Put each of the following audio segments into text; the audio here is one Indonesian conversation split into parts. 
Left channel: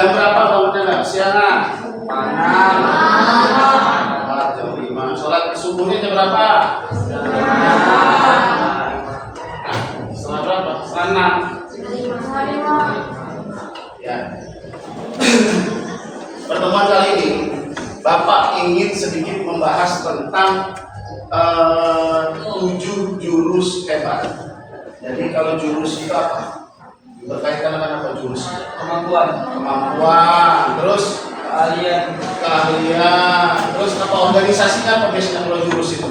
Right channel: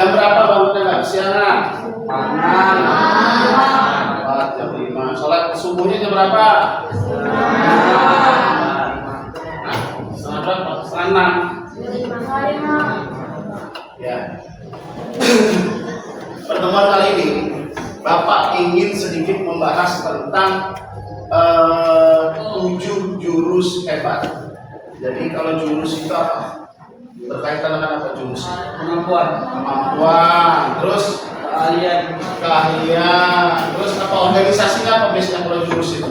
Jam berapa bangunnya nggak? Siangan? Jam 5. Sholat subuhnya jam berapa? Setengah berapa? Setengah 6. Ya. Pertemuan kali ini Bapak ingin sedikit membahas tentang 7 jurus hebat. Jadi kalau jurus itu apa? Berkaitan dengan apa jurus? Kemampuan, terus keahlian, terus apa organisasinya apa biasanya kalau jurus itu?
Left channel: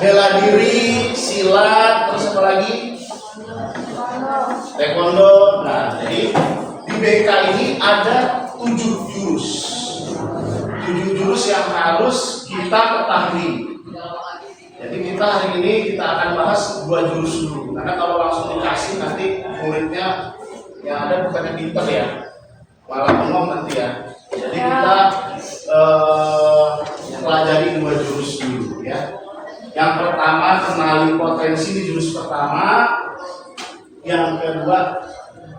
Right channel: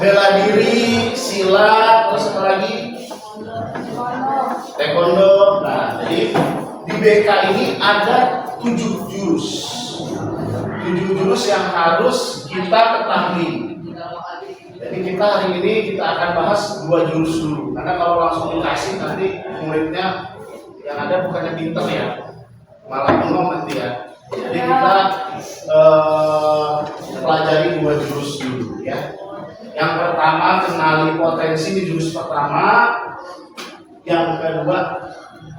Bela diri, silat, terus apa lagi? Taekwondo. Nah, jadi di BK ini ada 7 jurus. 7 jurus yang harus kita ketahui. Jadi kita hari ini kita akan bahas 2 jurus dulu. Karena kalau langsung dikasih nanti muridnya yang ada bukannya pinter ya, malah bengong nanti ya. Jadi kita pelajari 2 jurus dulu ya. Yang pertama kenali potensi di jurus pertama. Yang kedua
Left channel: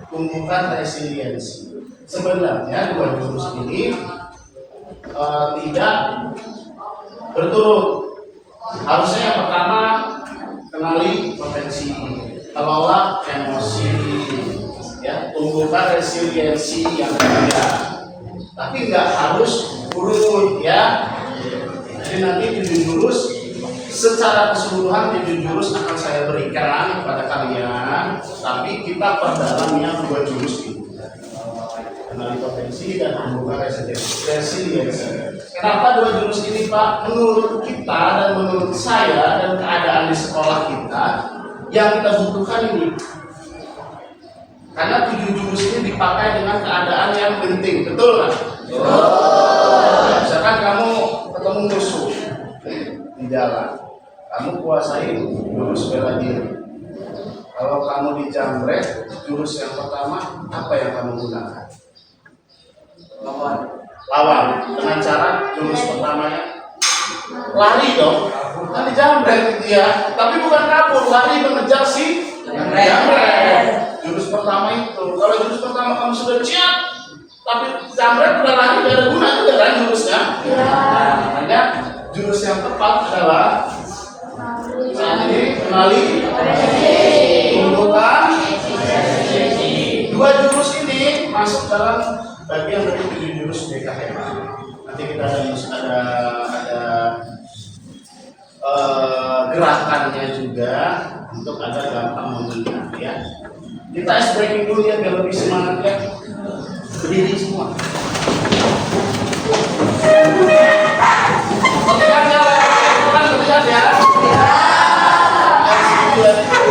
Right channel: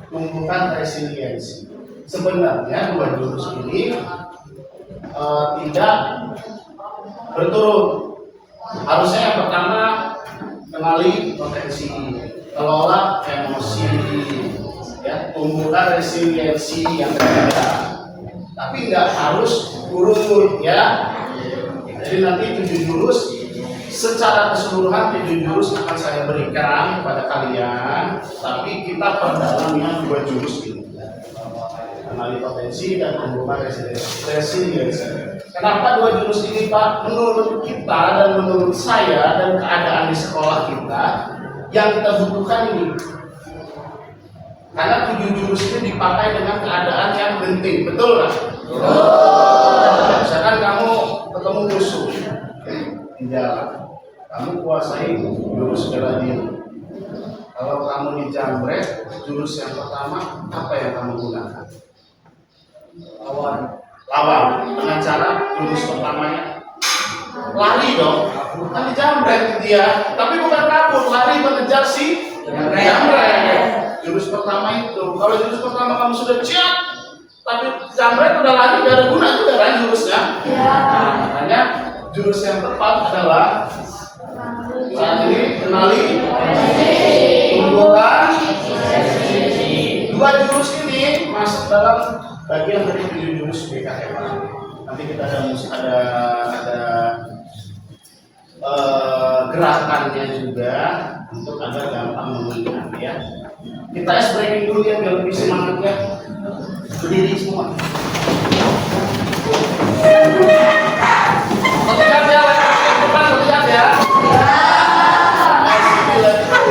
tumbuhkan resiliensi. Sebenarnya 2 jurus ini tidak berturut. Harusnya yang pertama kenali potensi, kelola emosi, ya, tumbuhkan resiliensi yang berbeda. Tapi nggak harus urut ya. Jadi nanti 7 jurus secara keseluruhan 7 jurus akan saya berikan kepada kalian. Tapi kita perdalam yang 2 jurus ini. Kenali potensi dan tumbuhkan resiliensi. Kenapa 2 jurus ini Pak? Menurut kita dan menurut saya dan keadaan di sekolah kita yang kita butuhkan ini. Karena 7 jurus ini dipakai dengan keadaan yang penting, betul nggak? Misalkan kamu ketemu musuh di jalan, kamu kuasai jurus bela diri. Kalau kamu dijamret, jurus yang pertama apa yang kamu gunakan? Lawan dengan cara jurus pertamanya lari dong, kan dijamret dia, tapi bukan kabur, lari mengejar si jamret. Jurus pertama itu, kalau jurus pertama kamu sudah ciat, tapi jamret udah lari, udah ada guna juga kan jurusnya. Makanya jurus yang tepat adalah saat ini kenali, tumbuhkan. 2 jurus ini masuk dalam bagian dari 7 jurus BKM. Nanti kita ada gerakannya juga untuk agar gampang mengingat ya. Kita breaking dulu ya biar lebih semangat ya. Berdiri semua. Berlihat ya, bukan berlihat ya.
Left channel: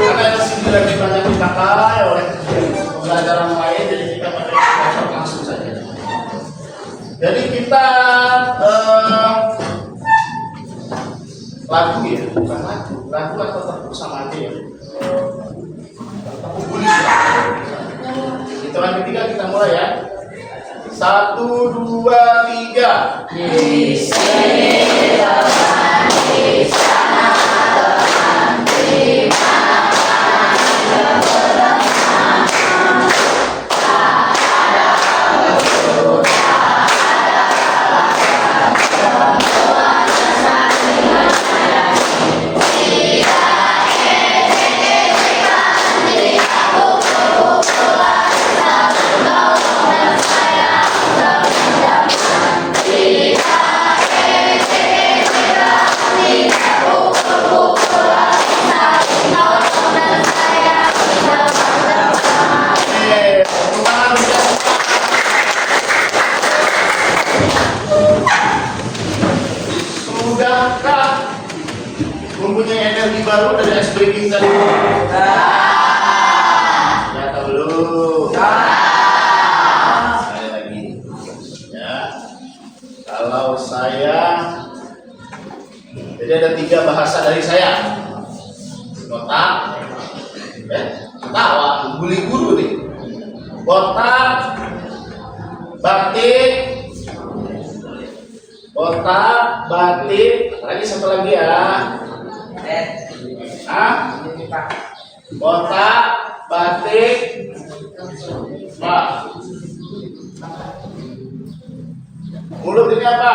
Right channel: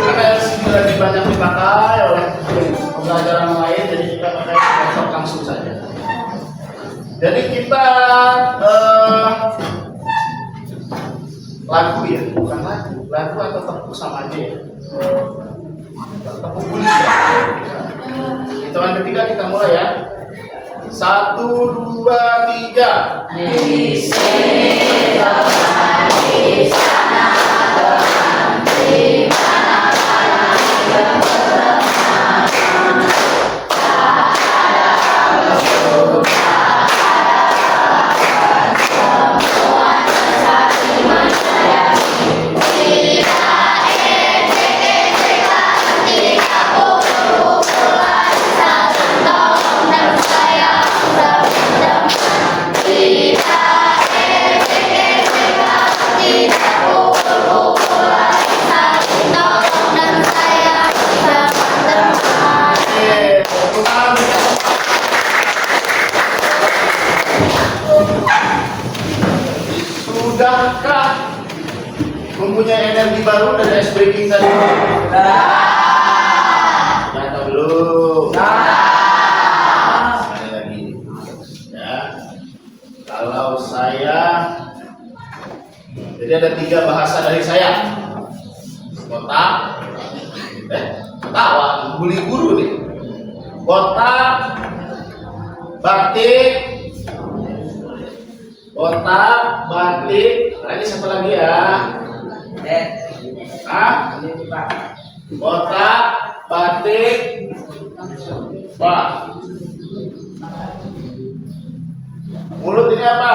Karena LCD lagi banyak dipakai oleh pembelajaran lain, jadi kita pakai laptop langsung saja. Jadi kita lagu ya, bukan lagu atau tepuk sama aja ya. Tepuk bulis ya. Hitungan ketiga kita mulai ya. 1, 2, 3. Di sini teman, di sana teman, di mana teman, tak ada musuh, tak ada lawan, semua saling menyayangi. Tidak etik-etikan, tidak pukul-pukulan, saling tolong dan sayang berpindah. Tidak etik-etikan, tidak pukul-pukulan, saling tolong dan sayang berteman. Sudahkah mempunyai energi baru dari ice breaking tadi? Sudah atau belum? Sekali lagi ya. Kalau saya, jadi ada 3 bahasa dari saya. Kotak, ketawa, bully guru nih. Kotak, batik, kotak, batik, lagi satu lagi ya. Kotak, batik, Mulut ini apa?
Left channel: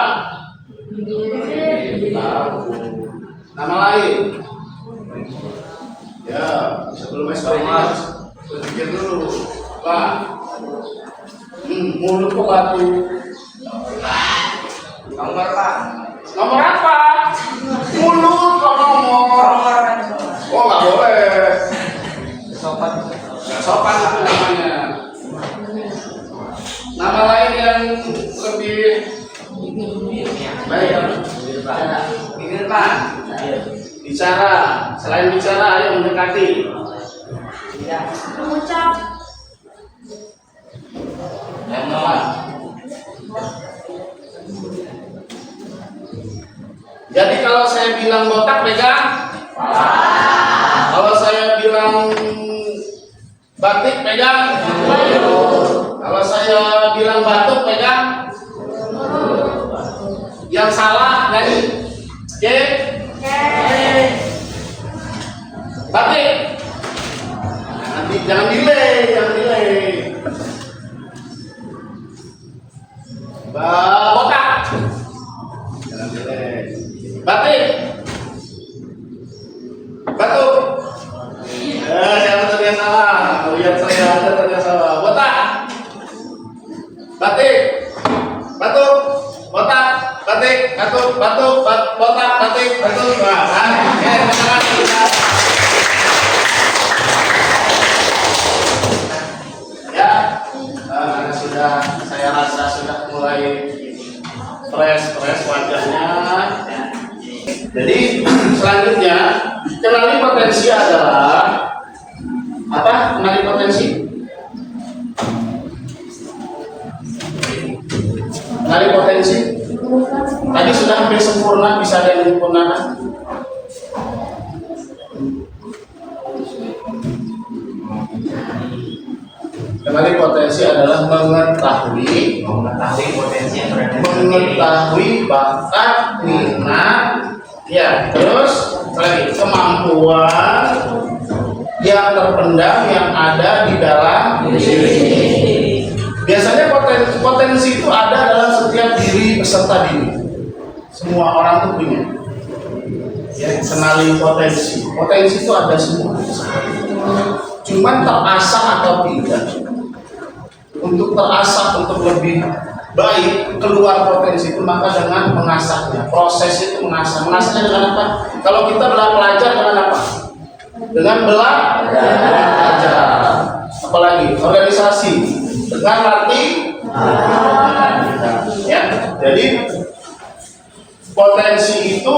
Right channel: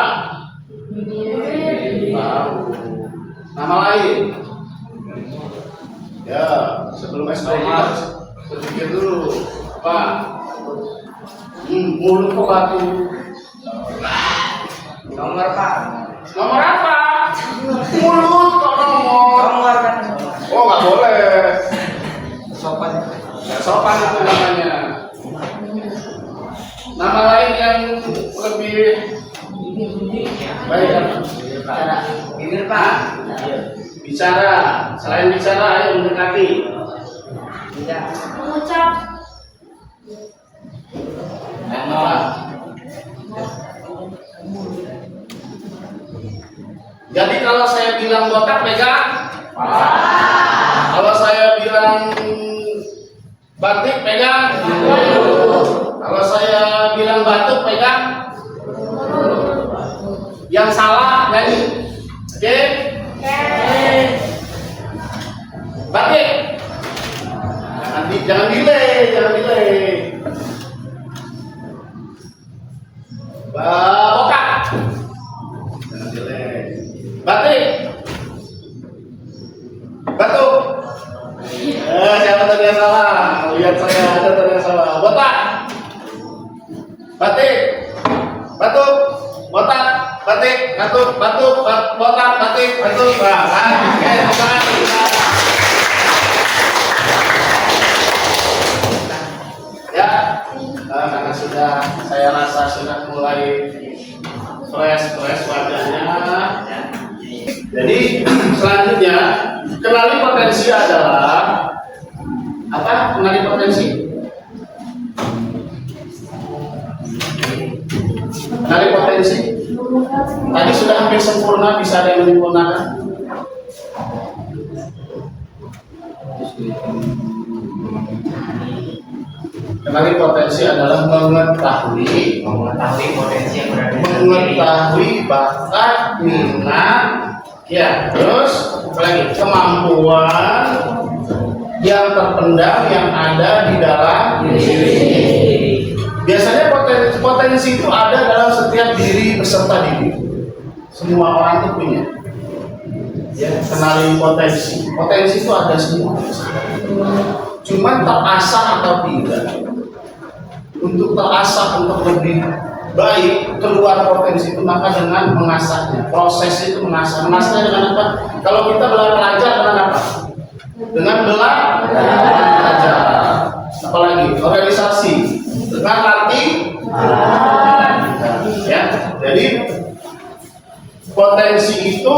Tahu. Nama lain? Ya, sebelum SPG harus berpikir dulu. Apa? Mulut kok batu. Nomor Pak. Nomor apa? Mulut kok nomor. Oh, nggak boleh. Sopan. Nggak sopan itu namanya. Nama lain yang lebih baik kan? Ini Pak. Bicara. Selain bicara, ayo mendekati. Tidak. Mengucap. Lemon. Jadi kalau saya bilang botak pegang. Kalau saya bilang batik pegang. Kalau saya bilang batuk pegang. Yang salah nyanyi. Oke? Batik. Jangan delay. Botak. Jangan delay. Batik. Batuk. Siapa tadi yang salah? Lihat saya ada tadi yang salah. Botak. Batik. Batuk. Botak. Batik. Batuk. Batuk. Botak. Batik. Batuk. Ya, karena sudah saya rasa sudah mulai fresh wajahnya. Jadi selanjutnya kenali potensi adalah apa? Kenali potensi. Kenali potensi. Tadi sudah hampir sempurna, bisa ada yang menyempurnakan. Kenali potensi adalah mengetahui potensi yang berada di mengetahui bakat, minat, ya, terus apa lagi? Kemampuan yang terpendam yang ada di dalam diri. Biasanya potensi itu ada dalam setiap diri peserta didik. Semua orang tuh punya. Ya, kenali potensi. Potensi itu ada semua. Cuman terasah atau tidak. Untuk terasah untuk lebih baik keluar potensi itu maka dengan mengasahnya. Proses itu mengasah. Mengasahnya dengan apa? Kalau kita belajar dengan apa? Dengan belajar. Apalagi organisasi dengan latih. Ya, jadi potensi itu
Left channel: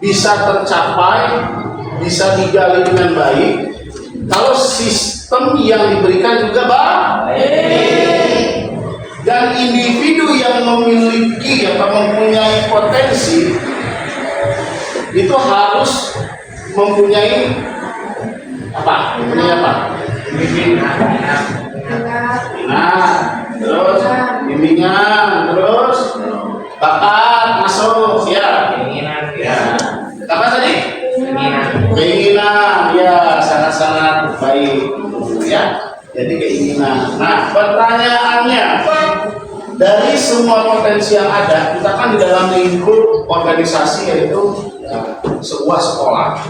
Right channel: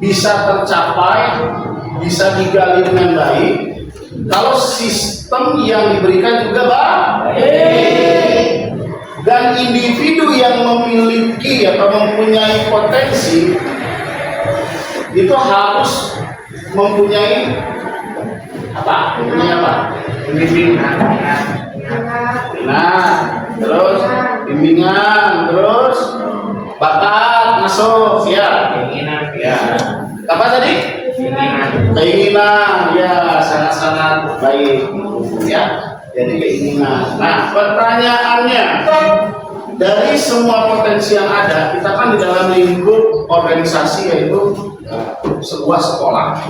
bisa tercapai, bisa digali dengan baik kalau sistem yang diberikan juga baik. Dan individu yang memiliki atau mempunyai potensi itu harus mempunyai apa? Mempunyai apa? Minat, terus bimbingan, terus bakat masuk, ya. Ya. Apa tadi? Keinginan, ya, sangat-sangat baik, ya. Jadi keinginan. Nah, pertanyaannya, dari semua potensi yang ada, kita kan di dalam lingkup organisasi yaitu sebuah sekolah.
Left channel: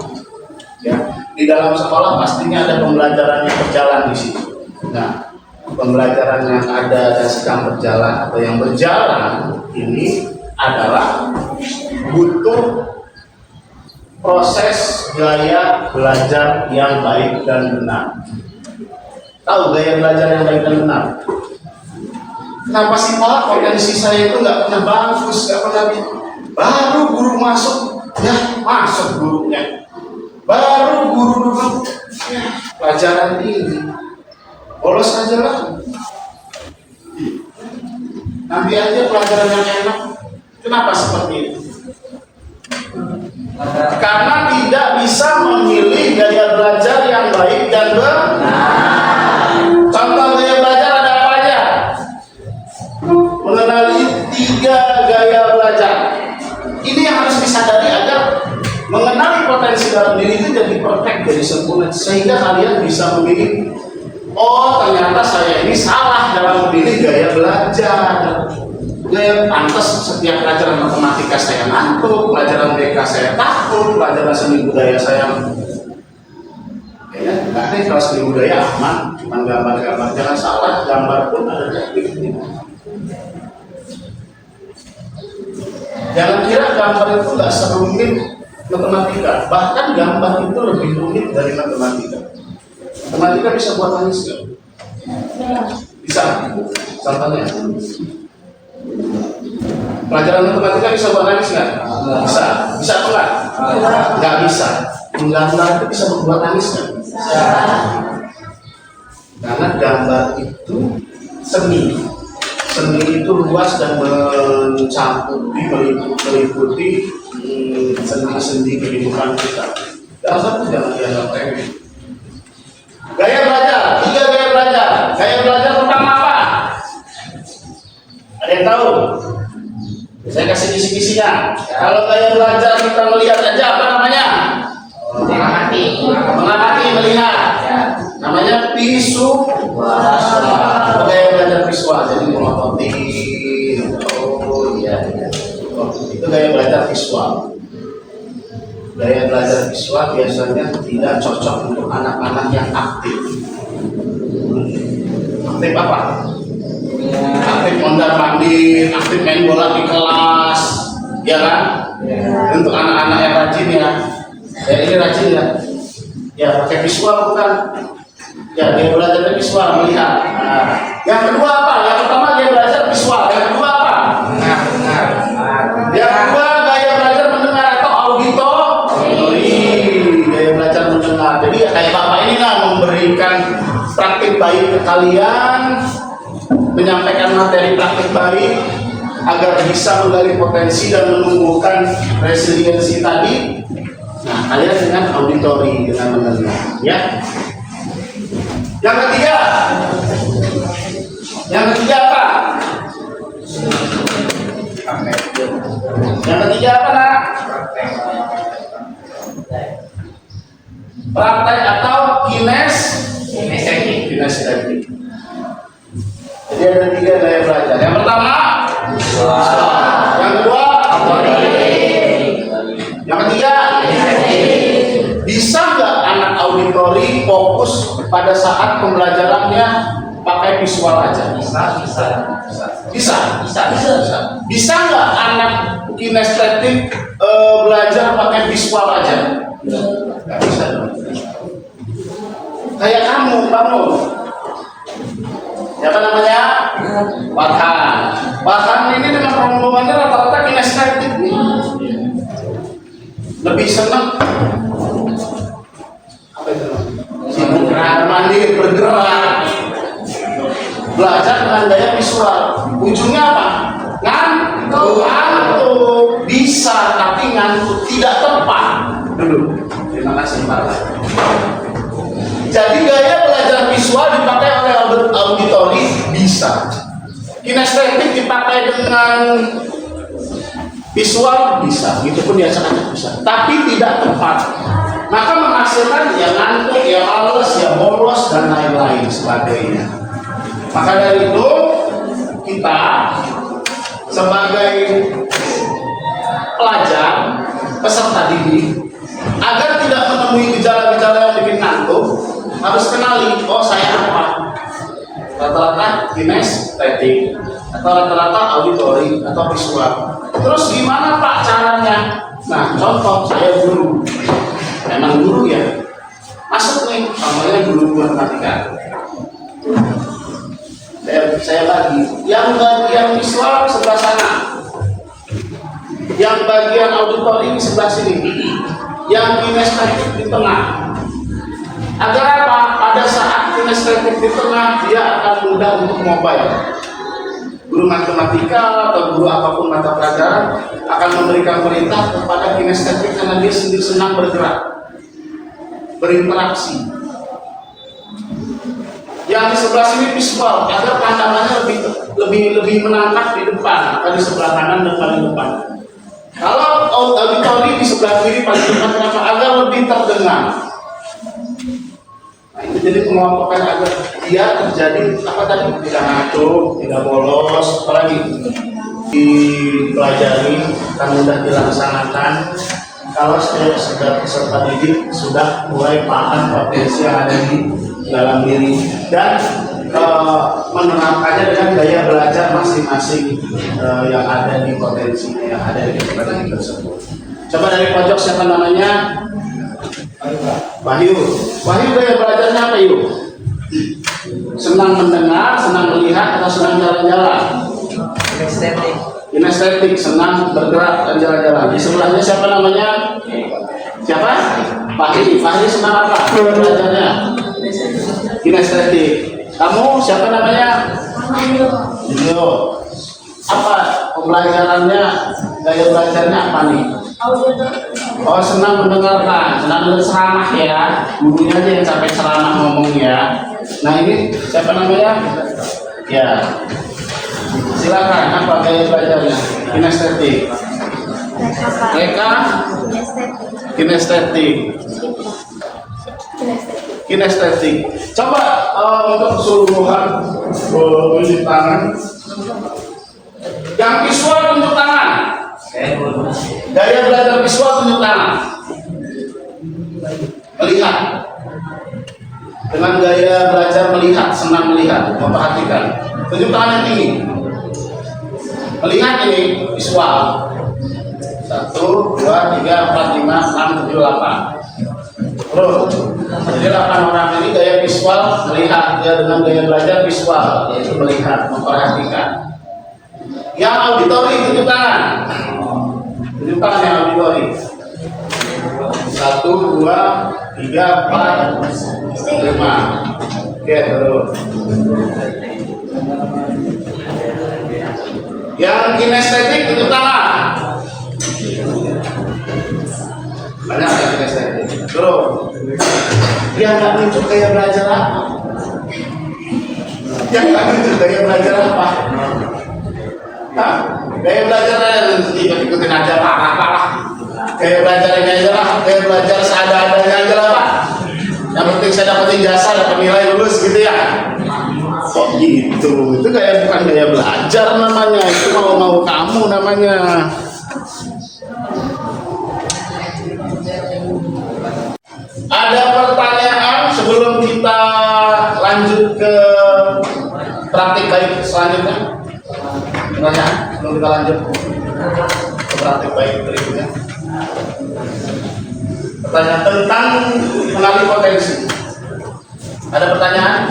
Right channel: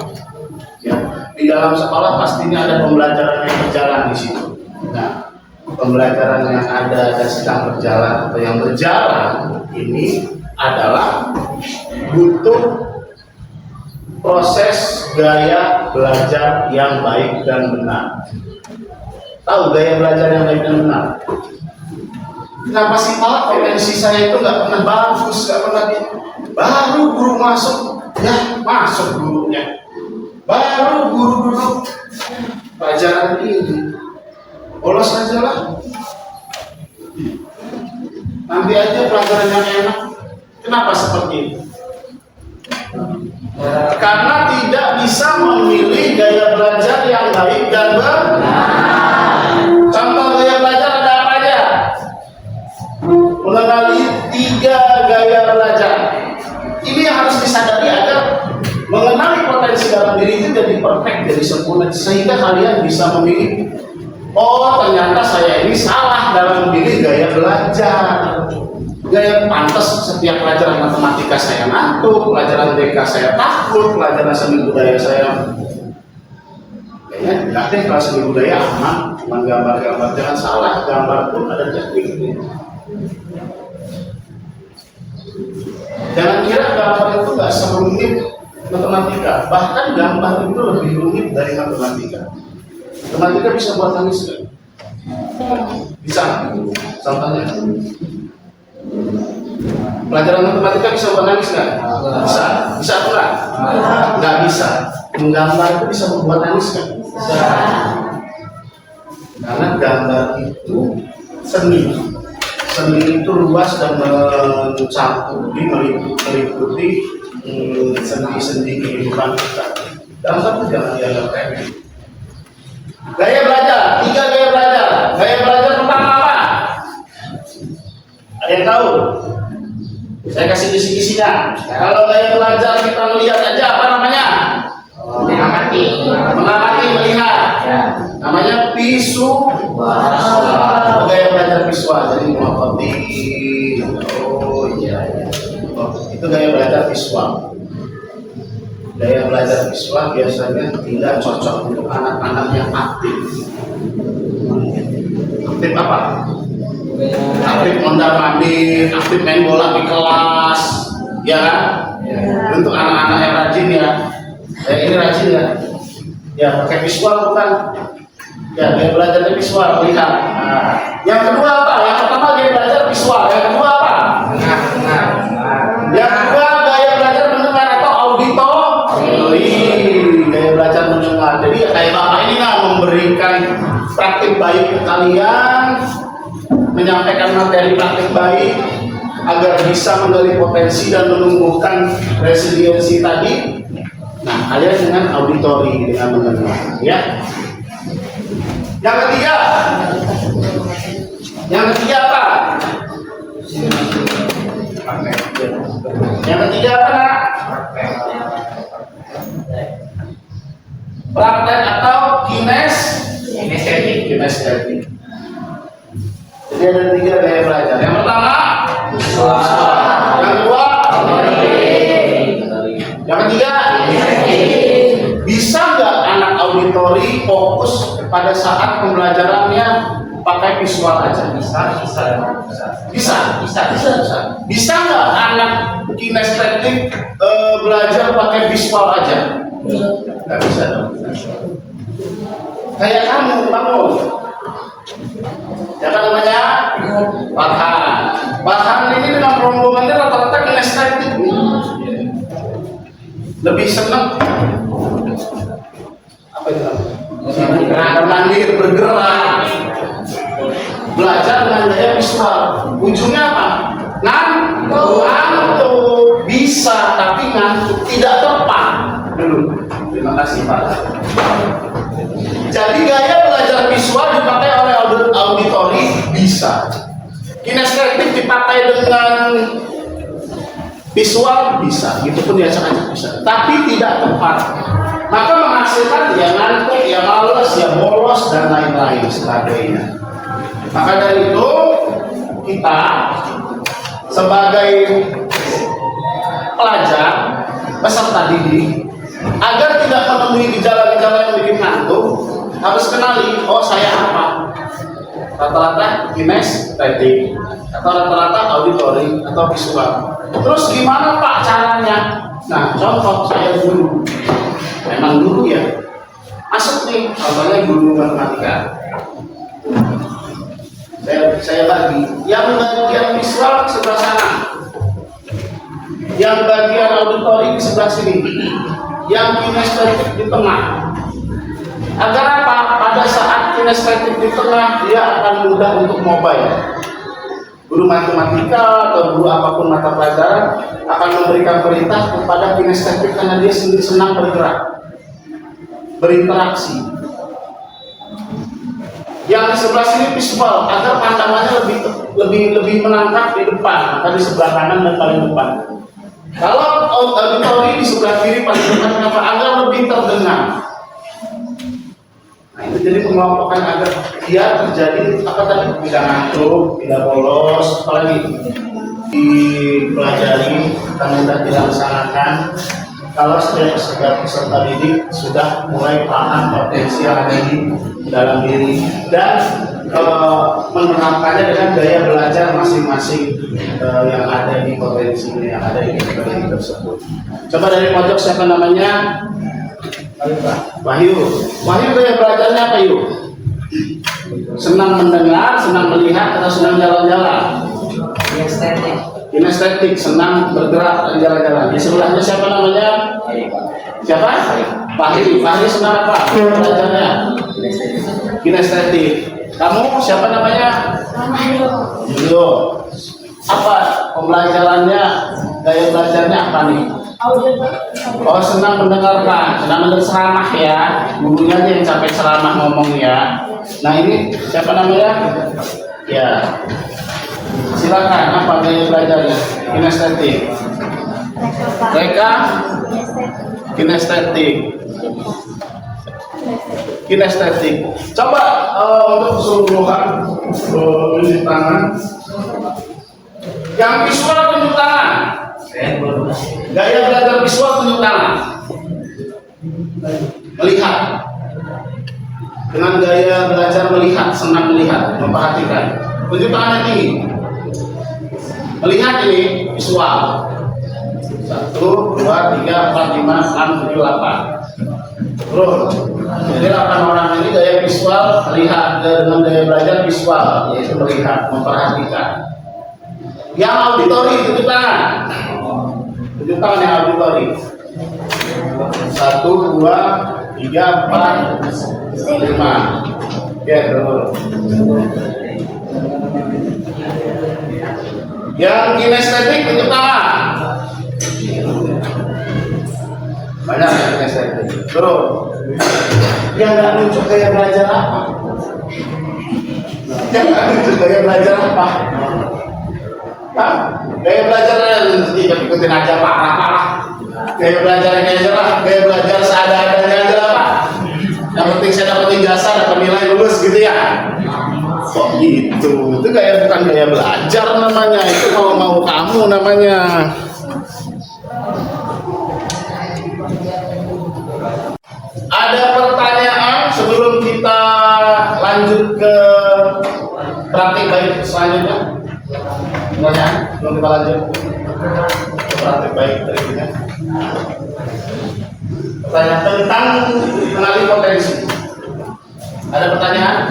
Ya, di dalam sekolah pastinya ada pembelajaran yang berjalan di situ. Nah, pembelajaran yang ada dan sedang berjalan atau yang berjalan ini adalah butuh proses gaya belajar yang baik dan benar. Tahu gaya belajar yang baik dan benar? Kenapa sih Pak potensi saya itu nggak pernah bagus, nggak pernah baru guru masuk, ya masuk gurunya, baru guru duduk pelajaran ini, bolos aja lah. Nanti aja pelajaran yang enak. Kenapa seperti itu? Karena tidak bisa memilih gaya belajar yang baik dan benar. Contoh gaya belajar ada apa aja? Mengenali 3 gaya belajar. Ini yang harus disadari agar mengenali potensi dalam diri itu jadi perfect, jadi sempurna, sehingga kalian bisa memilih. Oh, ternyata saya ini salah dalam memilih gaya belajar. Gaya pantas setiap pelajaran matematika saya ngantuk, pelajaran BK saya takut, pelajaran seni budaya saya kayaknya enggak deh. Kalau seni budaya aman, cuma gambar-gambar. Jangan salah, gambar pun ada tekniknya. Jangan kira gambar itu nggak serumit matematika, bahkan gambar itu lebih rumit dari matematika. Matematika bisa buat nangis nggak? Bisa nggak? Contohnya, pelajaran matematika bisa buat nangis nggak? Bisa. Bisa apa nggak? Nggak bisa. Menggambar itu bisa membuat nangis nggak? Bisa. Karena gambar itu seni. Seni itu luas dan mencakupi, meliputi sendi-sendi kehidupan kita. Gambar itu jangan dianggap remeh. Gaya belajar, 3 gaya belajar. Gaya belajar pertama apa? Ada yang tahu? Saya kasih kisi-kisinya. Kalau gaya belajar kita melihat aja, apa namanya? Mengamati, melihat. Namanya visual. Gaya belajar visual, jadi melopoti. Oh iya. Oh, itu gaya belajar visual. Gaya belajar visual biasanya tidak cocok untuk anak-anak yang aktif. Aktif apa? Aktif mondar-mandir, aktif main bola di kelas, ya kan? Untuk anak-anak yang rajin ya. Ini rajin ya. Ya pakai visual bukan? Ya dia belajar visual, melihat. Yang kedua apa? Yang pertama dia belajar visual. Yang kedua apa? Yang kedua gaya belajar mendengar atau auditori. Gaya belajar mendengar. Jadi kayak bapak ini lah memberikan praktik baik ke kalian, menyampaikan materi praktik baik agar bisa menggali potensi dan menumbuhkan resiliensi tadi. Nah, kalian dengan auditori, dengan mendengar, ya. Yang ketiga apa? Yang ketiga apa, nak? Praktek atau kinestetik. Jadi ada 3 gaya belajar. Yang pertama, yang kedua, yang ketiga, bisa nggak anak auditori fokus pada saat pembelajarannya pakai visual aja? Bisa nggak anak kinestetik belajar pakai visual aja? Nggak bisa dong. Kayak kamu siapa namanya? Farhan ini dengan rombongannya rata-rata kinestetik nih. Lebih senang apa itu? Mandiri, bergerak, belajar dengan gaya visual. Ujungnya apa? Ngantuk. Bisa, tapi ngantuk tidak tepat. Dulu. Terima kasih Pak. Jadi gaya belajar visual dipakai oleh auditori bisa. Kinestetik dipakai dengan visual bisa. Itu pun diacak-acak bisa. Tapi tidak tepat. Maka menghasilkan ya ngantuk, ya males, ya bolos dan lain-lain sebagainya. Maka dari itu kita sebagai pelajar, peserta didik, agar tidak menemui gejala-gejala yang bikin ngantuk, harus kenali, oh saya apa? Rata-rata kinestetik atau rata-rata auditori atau visual. Terus gimana Pak caranya? Nah, contoh saya guru. Memang guru ya. Masuk nih, contohnya guru matematika. Saya bagi. Yang bagian visual sebelah sana. Yang bagian auditori di sebelah sini. Yang kinestetik di tengah. Agar apa? Pada saat kinestetik di tengah, dia akan mudah untuk mobile. Guru matematika atau guru apapun mata pelajaran akan memberikan perintah kepada kinestetik karena dia sendiri senang bergerak, berinteraksi. Yang di sebelah sini visual agar pandangannya lebih menangkap di depan, maka di sebelah kanan dan paling depan. Kalau auditori di sebelah kiri paling depan, kenapa? Agar lebih terdengar. Nah, ini jadi pengelompokan agar dia terjadi apa tadi? Tidak ngantuk, tidak bolos, apalagi dipelajari dan mudah dilaksanakan kalau setiap peserta didik sudah mulai paham potensi yang ada di dalam diri dan menerapkannya dengan gaya belajar masing-masing yang ada di potensinya, yang ada di kepribadian tersebut. Coba dari pojok siapa namanya? Wahyu. Wahyu gaya belajarnya apa yuk? Senang mendengar, senang melihat, atau senang jalan-jalan? Estetik. Kinestetik, senang bergerak dan jalan-jalan. Di sebelahnya siapa namanya? Siapa? Fahri. Fahri senang apa belajarnya? Kinestetik. Kamu siapa namanya? Julio. Apa pembelajarannya? Gaya belajarnya apa nih? Oh, senang mendengarkan, senang mendengar ceramah ya. Gurunya aja yang sampai ceramah ngomong ya. Nah ini siapa namanya? Ya. Silakan, apa gaya belajarnya? Kinestetik. Mereka kinestetik. Kinestetik. Coba untuk keseluruhan tunjuk tangan. Yang visual tunjuk tangan. Gaya belajar visual tunjuk tangan. Melihat. Dengan gaya belajar melihat, senang melihat, memperhatikan. Tunjuk tangan yang tinggi. Melihat ini visual. 1, 2, 3, 4, 5, 6, 7, 8. Terus, jadi 8 orang ini gaya visual melihat dengan gaya belajar visual, yaitu melihat, memperhatikan. Yang auditori tunjuk tangan. Tunjuk tangan yang auditori. 1, 2, 3, 4, 5. Oke, terus. Yang kinestetik tunjuk tangan. Banyak yang kinestetik. Terus. Dia nggak nunjuk gaya belajar apa? Dia nggak nunjuk gaya belajar apa? Hah? Gaya belajar ikut-ikutin aja parah. Gaya belajar ini aja lah. Gaya belajar seadanya aja lah Pak. Yang penting saya dapetin jasa, dapat nilai lulus gitu ya. Kok gitu? Itu kayak bukan gaya belajar namanya. Itu mau kamu namanya. Ada pertanyaan sebelum kita lanjut ke praktik baik selanjutnya? Pertanyaan sebelum kita lanjut ke praktik baik berikutnya. Pertanyaan tentang mengenali potensi. Ada pertanyaan?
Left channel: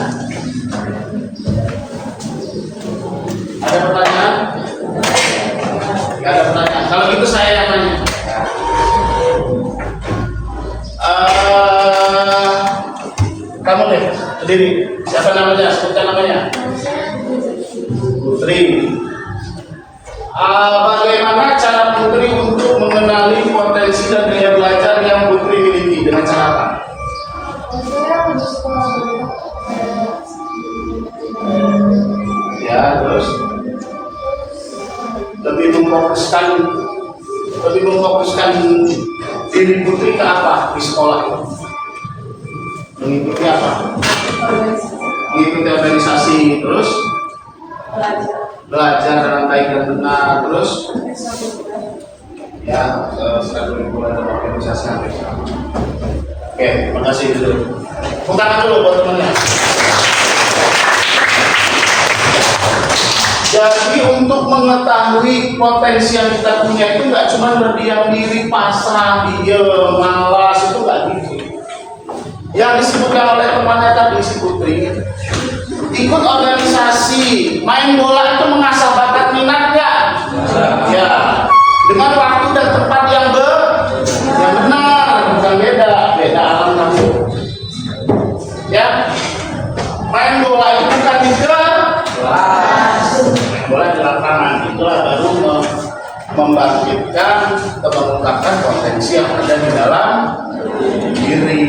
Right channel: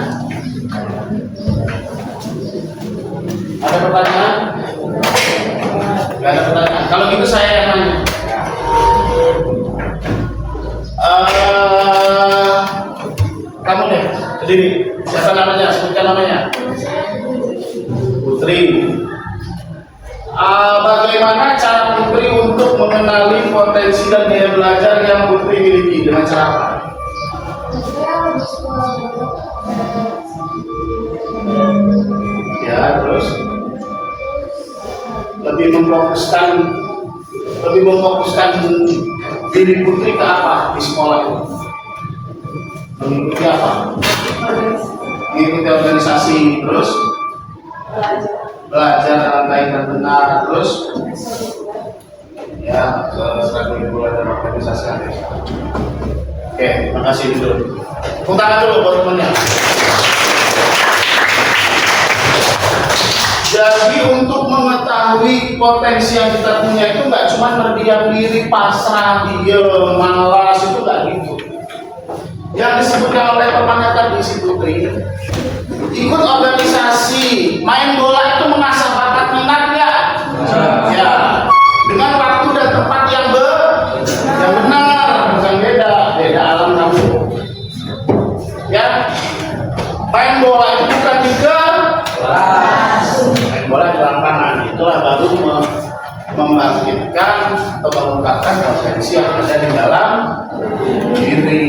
Ada pertanyaan? Gak ada pertanyaan. Kalau gitu saya yang nanya. Kamu deh, sendiri. Siapa namanya? Sebutkan namanya. Putri. Bagaimana cara Putri untuk mengenali potensi dan gaya belajar yang Putri miliki dengan cara apa? Ya, terus lebih memfokuskan diri Putri ke apa di sekolah itu? Mengikuti apa? Mengikuti organisasi, terus belajar dengan baik dan benar, terus ya ekstrakurikuler dan organisasi hampir sama. Oke, terima kasih dulu. Tepuk tangan dulu buat temannya. Jadi untuk mengetahui potensi yang kita punya itu nggak cuma berdiam diri, pasrah, diem, malas, itu nggak gitu. Yang disebutkan oleh temannya tadi si Putri, ikut organisasi, main bola itu mengasah bakat minat nggak? Ya, dengan waktu dan tempat yang benar, bukan beda alam kamu. Ya, main bola itu bukan di kelas, main bola di lapangan. Itulah baru membangkitkan atau mengungkapkan potensi yang ada di dalam diri.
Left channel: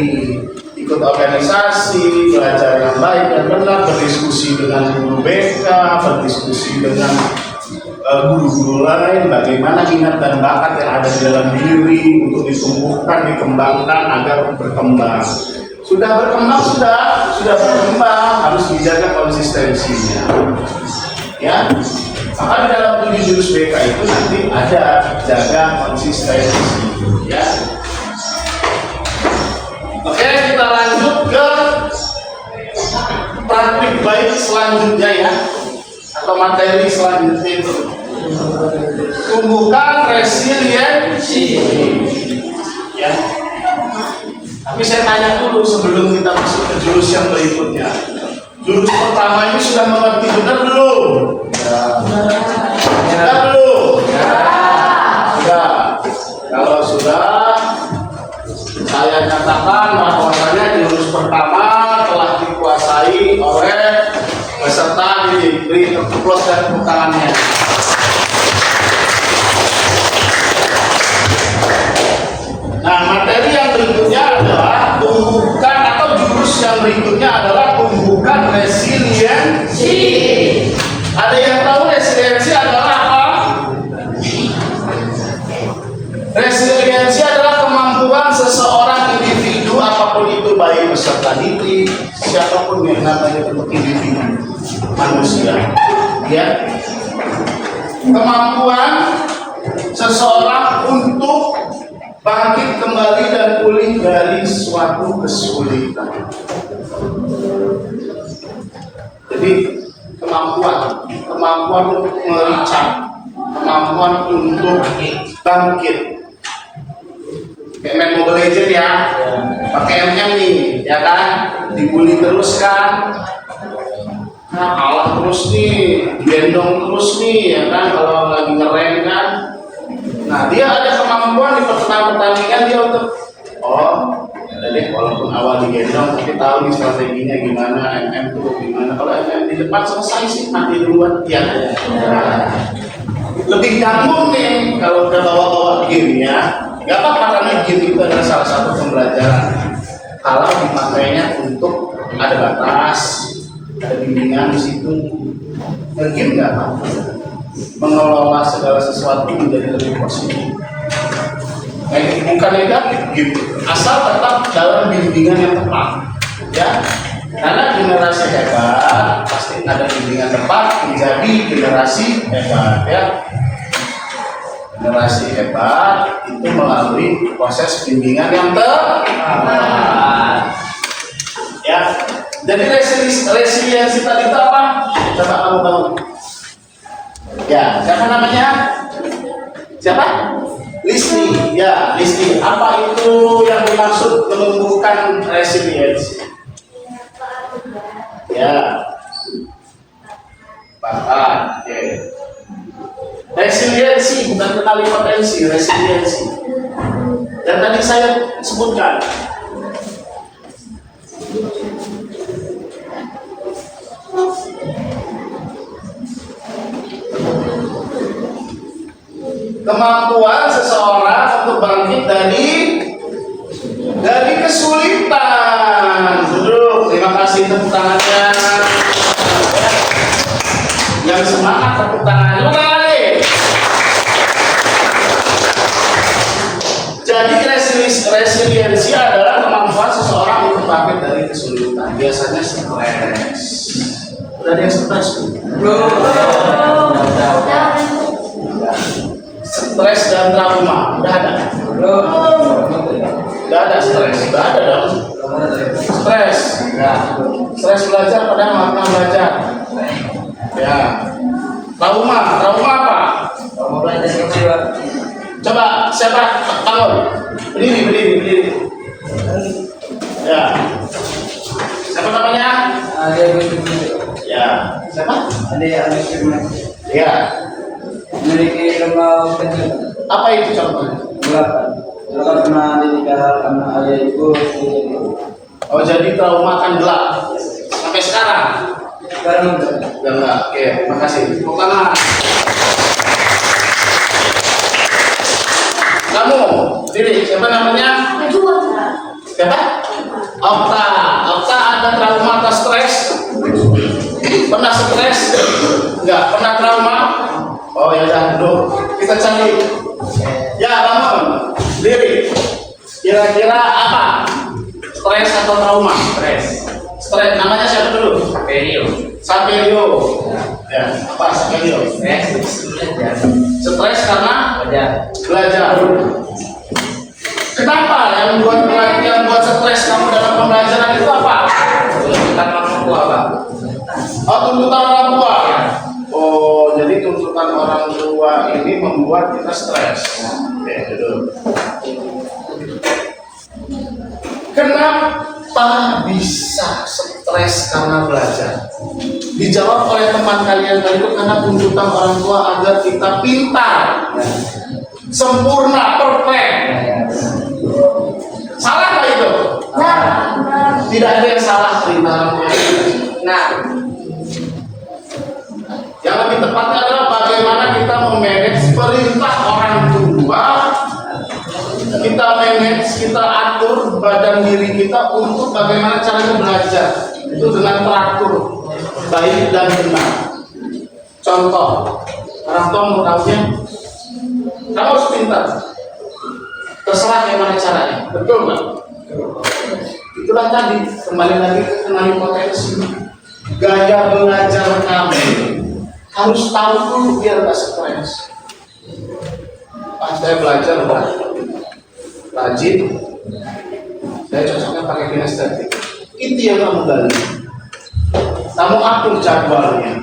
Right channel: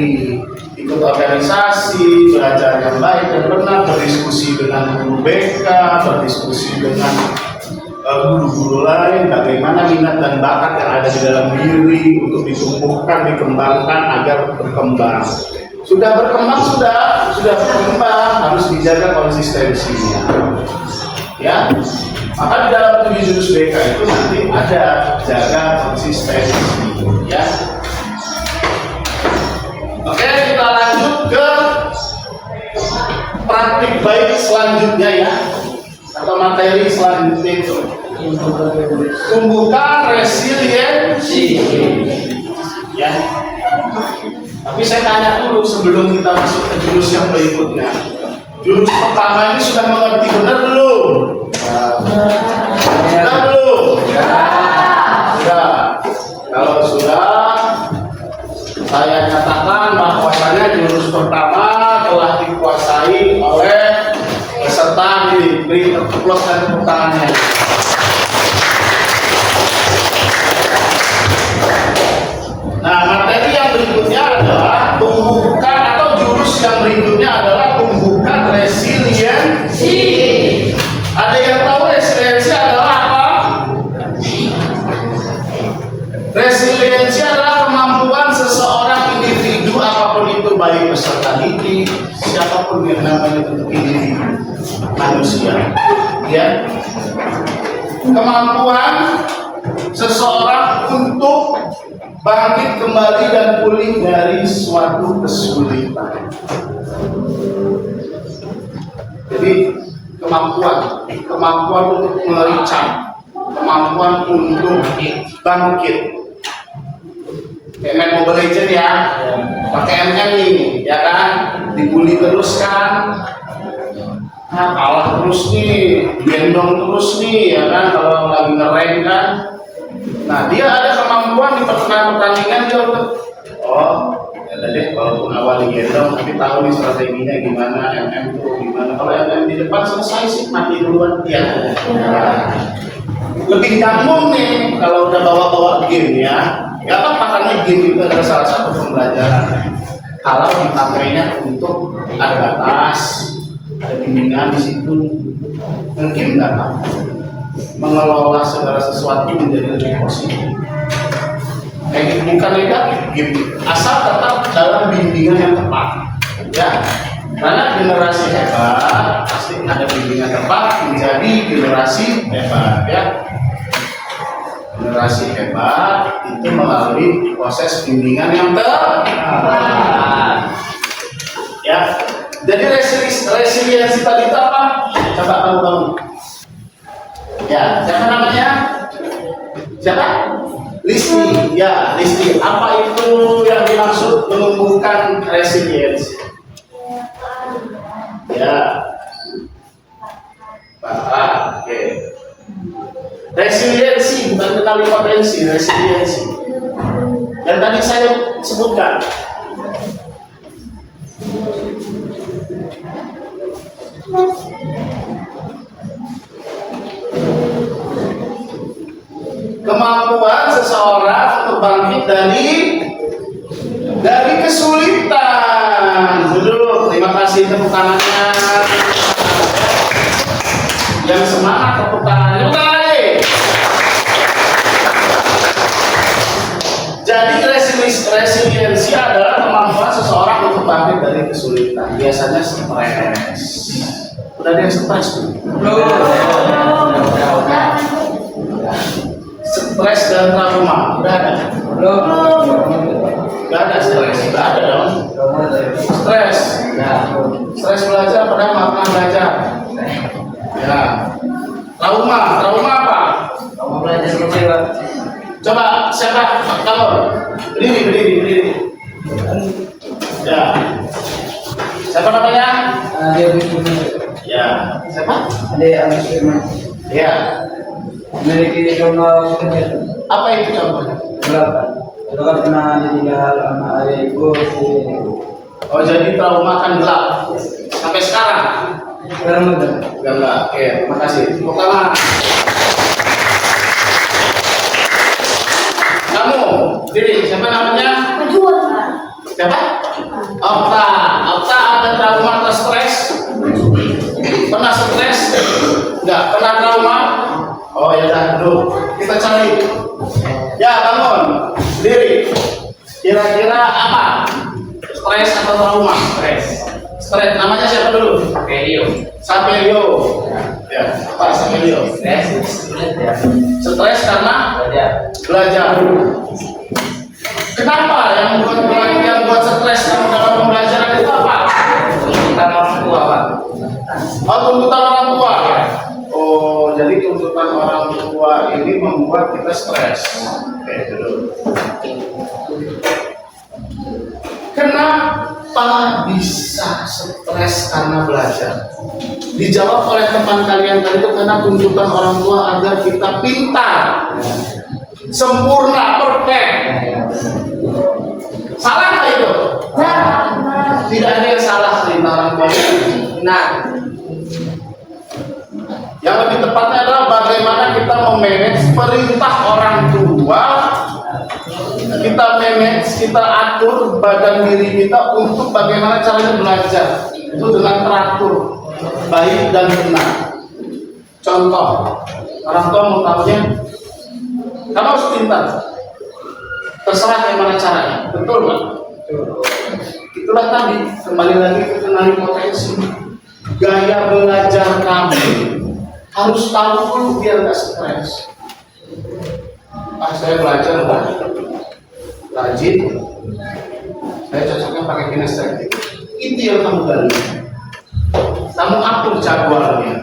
Ikut organisasi, belajar yang baik dan benar, berdiskusi dengan guru BK, berdiskusi dengan guru-guru lain, bagaimana minat dan bakat yang ada di dalam diri untuk ditumbuhkan, dikembangkan agar berkembang. Sudah berkembang, sudah berkembang, harus dijaga konsistensinya. Ya, Maka di dalam 7 jurus BK itu nanti ada jaga konsistensi, ya. Oke, kita lanjut ke praktik baik selanjutnya ya, atau materi selanjutnya itu. Tumbuhkan resiliensi, ya. Tapi saya tanya dulu sebelum kita masuk ke jurus yang berikutnya. Jurus pertama ini sudah mengerti benar belum? Sudah belum? Sudah. Kalau sudah, saya nyatakan bahwasanya jurus pertama telah dikuasai oleh peserta didik. Beri terpukulkan tepuk tangannya. Nah, materi yang berikutnya adalah tumbuhkan, atau jurus yang berikutnya adalah tumbuhkan resiliensi. Ada yang tahu resiliensi adalah apa? Resiliensi adalah kemampuan seseorang individu, apapun itu, baik peserta didik, siapapun yang namanya bentuk individu manusia, ya. Kemampuan seseorang untuk bangkit kembali dan pulih dari suatu kesulitan. Jadi kemampuan untuk mericat, kemampuan untuk bangkit. Kayak main Mobile Legends ya, pakai M-nya nih, ya kan? Dibully terus kan? Nah, kalah terus nih, gendong terus nih, ya kan? Kalau lagi ngerem kan? Nah, dia ada kemampuan di pertandingan dia untuk ya deh, walaupun awal digendong tapi tahu nih strateginya gimana, MM tuh gimana. Kalau MM di depan selesai sih mati duluan dia. Nah, lebih gampang nih kalau udah bawa game ya. Gak apa-apa, karena game itu adalah salah satu pembelajaran. Kalau dipakainya untuk ada batas, ada bimbingan di situ, game nggak apa-apa. Mengelola segala sesuatu menjadi lebih positif. Bukan negatif gitu, asal tetap dalam bimbingan yang tepat, ya. Karena generasi hebat pasti ada bimbingan tepat menjadi generasi hebat, ya. Generasi hebat itu melalui proses bimbingan yang tepat, ya. Jadi resiliensi tadi itu apa? Coba kamu bangun. Ya, siapa namanya? Siapa? Listi. Ya, Listi. Apa itu yang dimaksud menumbuhkan resiliensi? Ya. Oke. Resiliensi bukan kenali potensi, resiliensi. Dan tadi saya sebutkan. Kemampuan seseorang untuk bangkit dari kesulitan. Duduk, terima kasih tepuk tangannya. Yang semangat tepuk tangannya. Tepuk tangan lagi. Jadi resiliensi adalah kemampuan seseorang untuk bangkit dari kesulitan. Biasanya stres. Udah ada yang stres belum? Stres dan trauma udah ada? Belum. Udah ada stres? Udah ada dong. Stres. Stres belajar padahal nggak pernah belajar. Ya. Trauma apa? Trauma belajar kecewa. Coba siapa? Halo. Berdiri. Ya. Siapa namanya? Ya. Siapa? Ya. Memiliki trauma kecil. Apa itu contohnya? Dulu kan pernah ditinggal sama ayah ibu. Oh, jadi trauma kan gelap sampai sekarang? Sekarang Enggak. Oke, makasih. Pertama, kamu, diri, siapa namanya? Siapa? Okta ada trauma atau stres? Pernah stres? Enggak, pernah trauma? Oh ya dah, duduk. Kita cari. Ya, bangun. Diri. Kira-kira apa? Stres atau trauma? Stres. Namanya siapa dulu? Saperio. Saperio. Ya, Pak Saperio. Leo. Stres karena belajar. Kenapa yang buat stres kamu dalam pembelajaran itu apa? Tuntutan orang tua, Pak. Oh, tuntutan orang tua. Oh, jadi tuntutan orang tua ini membuat kita stres. Oke, dulu. Kenapa bisa stres karena belajar? Dijawab oleh teman kalian tadi itu karena tuntutan orang tua agar kita pintar, sempurna, perfect. Salah nggak itu? Tidak ada yang salah perintah orang tua. Nah, yang lebih tepatnya adalah bagaimana kita memanage perintah orang tua. Kita manage, kita atur badan diri kita untuk bagaimana caranya belajar. Itu dengan teratur, baik dan benar. Contoh, orang tua mau tahunya, kamu harus pintar. Terserah bagaimana caranya, betul nggak? Itulah tadi, kembali lagi ke kenali potensi. Gaya belajar kamu harus tahu dulu biar nggak stres. Pas saya belajar rajin, saya cocoknya pakai kinestetik. Itu yang kamu gali. Kamu atur jadwalnya,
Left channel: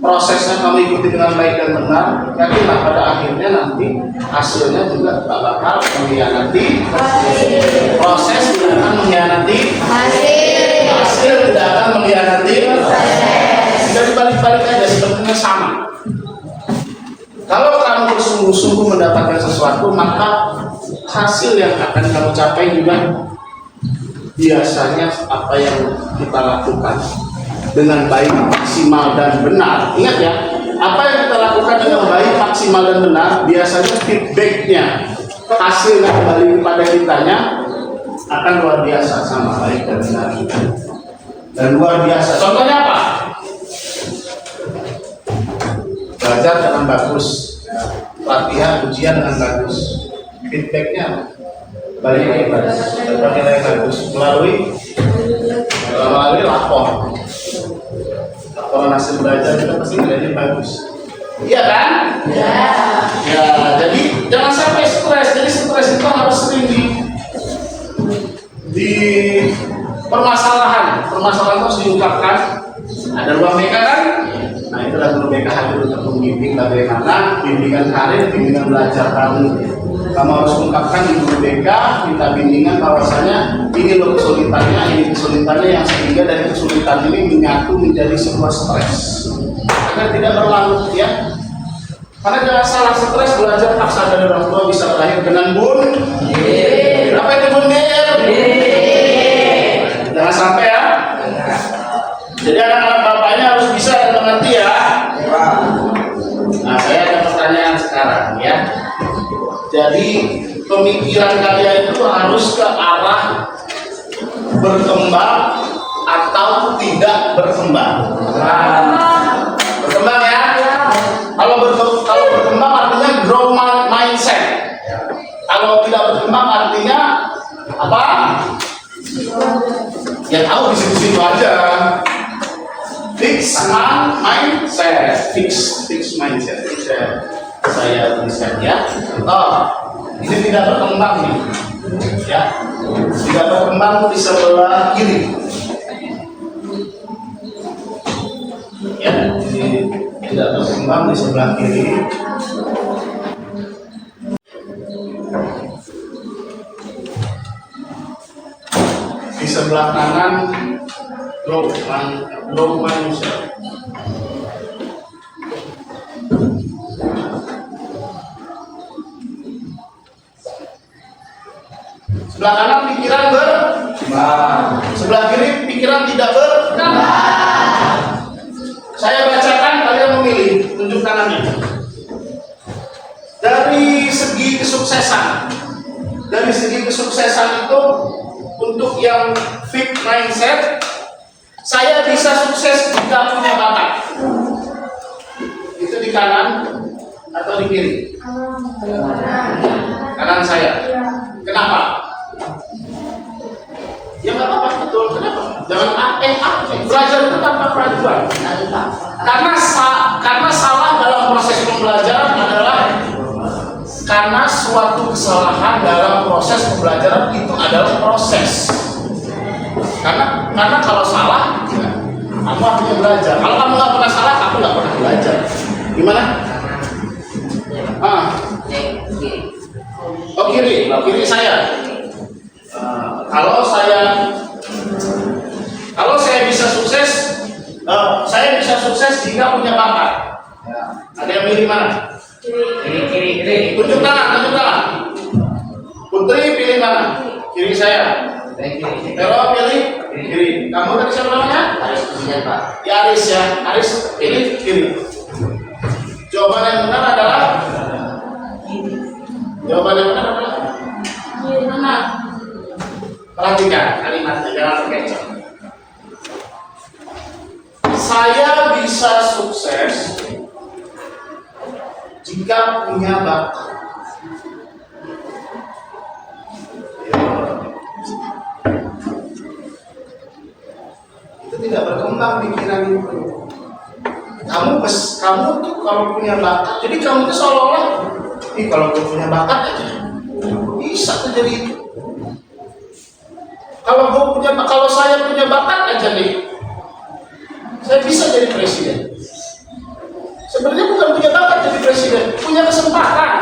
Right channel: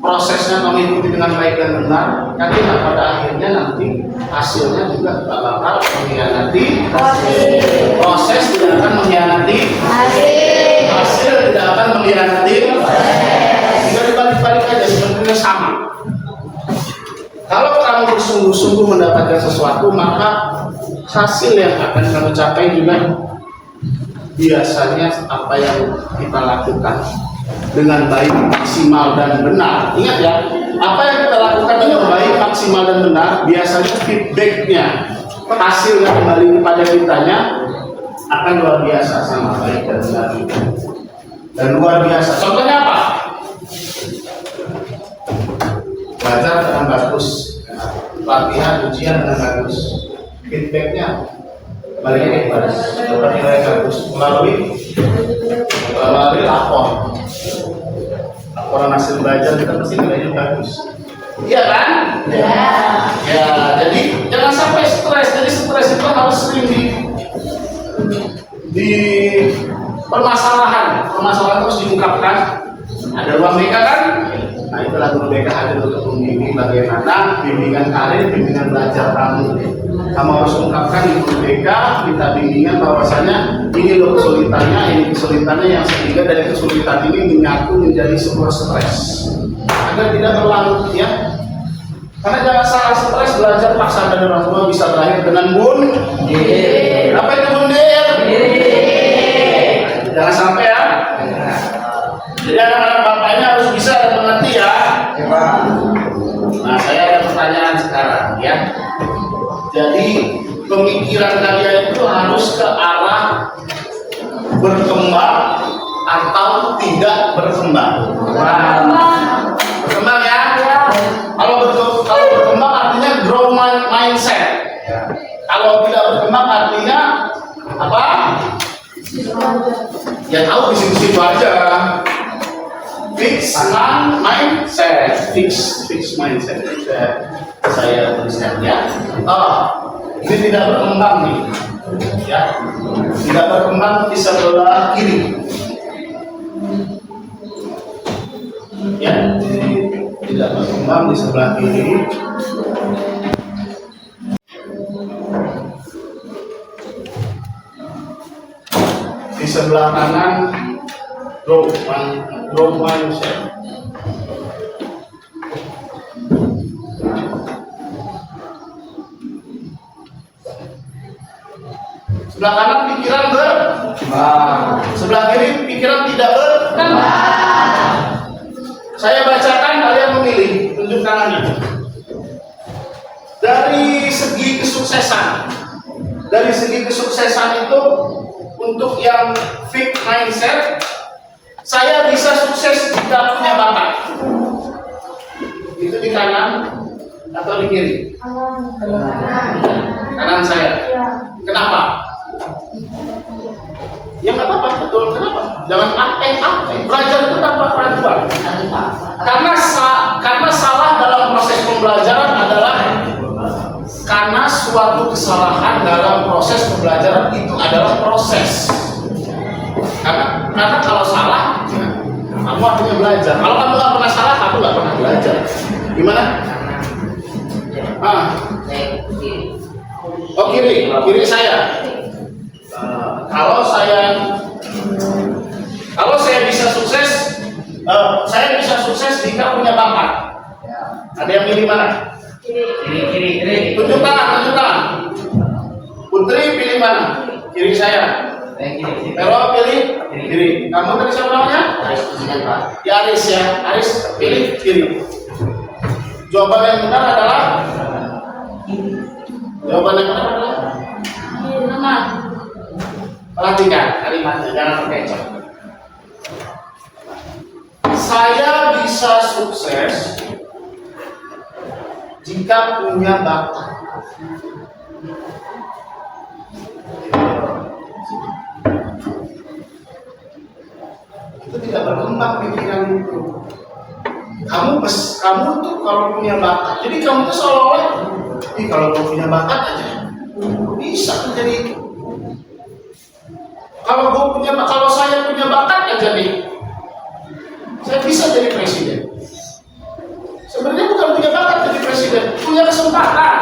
prosesnya kamu ikuti dengan baik dan benar. Yakinlah pada akhirnya nanti hasilnya juga tak bakal mengkhianati proses, tidak akan mengkhianati hasil, tidak akan mengkhianati. Tidak dibalik-balik aja, sebenarnya sama. Kalau kamu bersungguh-sungguh mendapatkan sesuatu, maka hasil yang akan kamu capai juga biasanya apa yang kita lakukan dengan baik, maksimal dan benar. Ingat ya, apa yang kita lakukan dengan baik, maksimal dan benar, biasanya feedbacknya, hasilnya kembali kepada kitanya akan luar biasa, sama baik dan benar dan luar biasa. Contohnya apa? Belajar dengan bagus, latihan ujian dengan bagus, feedbacknya baliknya bagus, dapat nilai bagus melalui laporan hasil belajar kita pasti nilainya bagus. Iya kan? Ya, jadi jangan sampai stres. Jadi stres itu harus sering di permasalahan harus diungkapkan. Ada ruang BK kan? Nah, itulah guru BK hadir untuk membimbing bagaimana bimbingan karir, bimbingan belajar kamu. Kamu harus ungkapkan di guru BK, minta bimbingan bahwasanya ini loh kesulitannya, ini kesulitannya, yang sehingga dari kesulitan ini menyatu menjadi sebuah stres agar tidak berlarut ya. Karena jangan salah, stres belajar paksa dari orang tua bisa berakhir dengan bunuh. Apa itu bunuh? Jangan sampai ya. Jadi anak-anak bapaknya harus bisa dan mengerti ya. Nah, saya ada pertanyaan sekarang ya. Jadi pemikiran kalian itu harus ke arah berkembang atau tidak berkembang. Berkembang ya. Kalau berkembang artinya grow mindset. Kalau tidak berkembang artinya apa? Ya tahu di situ aja. Fix mindset, fix mindset. Saya tuliskan ya. Contoh, ini tidak berkembang nih, ya. Tidak berkembang di sebelah kiri. Ya, tidak berkembang di sebelah kiri. Di sebelah kanan growth mindset. Sebelah kanan pikiran berkembang, sebelah kiri pikiran tidak berkembang. Saya bacakan, kalian memilih, tunjuk tangannya. Dari segi kesuksesan itu untuk yang fixed mindset, saya bisa sukses jika punya bakat. Itu di kanan atau di kiri? Kanan saya. Kenapa? Ya nggak apa-apa, betul. Kenapa? Jangan belajar itu tanpa keraguan. Karena proses pembelajaran itu adalah proses. Karena kalau salah, ya, kamu artinya belajar. Kalau kamu nggak pernah salah, kamu nggak pernah belajar. Gimana? Oh kiri saya. Kalau saya bisa sukses, saya bisa sukses jika punya bakat. Ada yang pilih mana? Kiri. Tunjuk tangan. Putri pilih mana? Kiri saya. Velo pilih kiri. Kamu tadi siapa namanya? Ya Aris ya. Aris pilih kiri. Jawaban yang benar adalah perhatikan kalimatnya, jangan terkecoh. Saya bisa sukses jika punya bakat. Itu tidak berkembang pikiran itu. Kamu tuh kalau punya bakat, jadi kamu tuh seolah-olah, kalau gue punya bakat aja, bisa terjadi itu. Kalau saya punya bakat aja nih, saya bisa jadi presiden. Sebenarnya bukan punya bakat jadi presiden, punya kesempatan.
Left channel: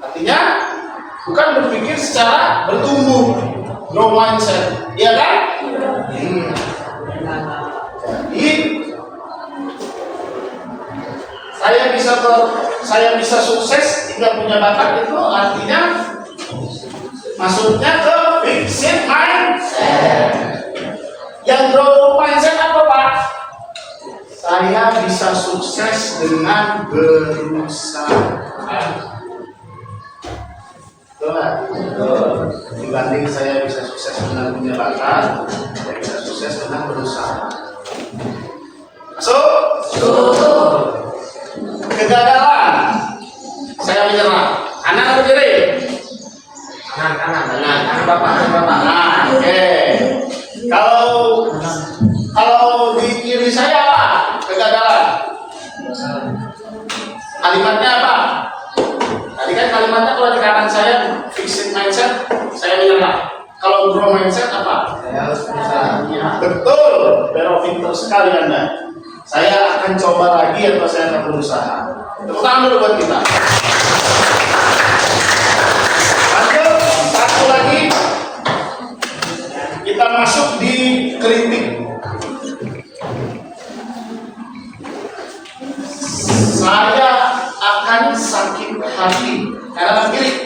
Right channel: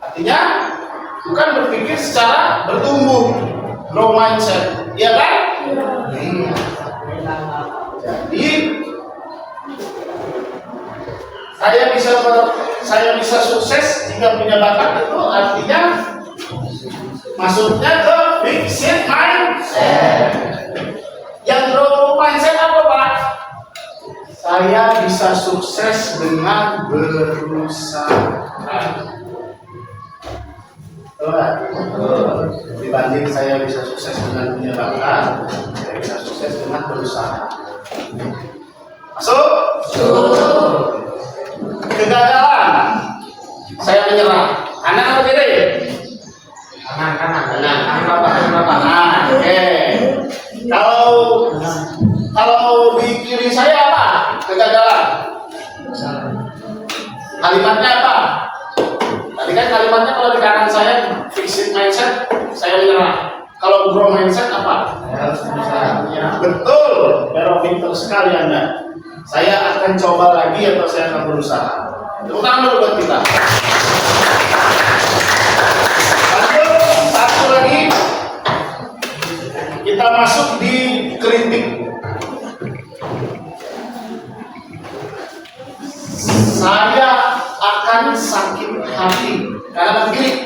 Artinya bukan berpikir secara bertumbuh, grow mindset, iya kan? Iya. Jadi saya bisa sukses jika punya bakat itu artinya maksudnya ke fixed mindset. Yang grow mindset apa Pak? Saya bisa sukses dengan berusaha. Dibanding saya bisa sukses dengan punya bakat, saya bisa sukses dengan berusaha. Masuk? Kegagalan, saya menyerah. Kanan atau kiri? Kanan. Bapak. Oke. Kalau di kiri saya apa? Kegagalan. Kalimatnya apa? Tadi kan kalimatnya kalau di kanan saya fixed mindset, saya menyerah. Kalau grow mindset apa? Saya harus berusaha. Ya, betul. Pero pinter sekali Anda. Saya akan coba lagi atau saya akan berusaha. Tepuk tangan dulu buat kita. Lanjut, satu lagi. Kita masuk di kritik. Saya akan sakit hati karena memilih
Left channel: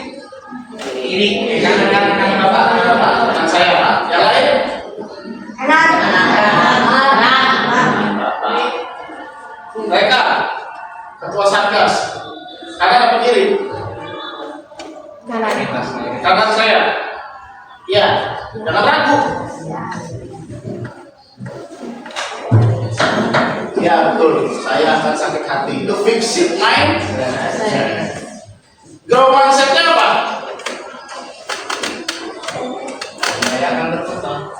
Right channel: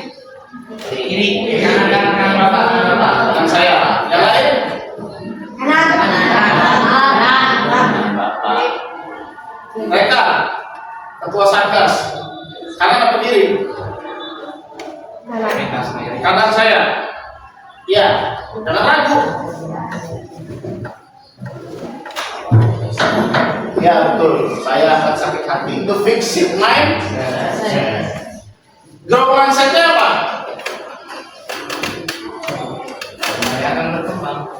kiri. Kanan saya. Yang lain? Mereka ketua satgas kanan apa kiri? Kanan saya. Iya, jangan ragu. Ya betul, saya akan sakit hati. Itu fixed mind. Grow mindsetnya apa? Saya akan berkembang.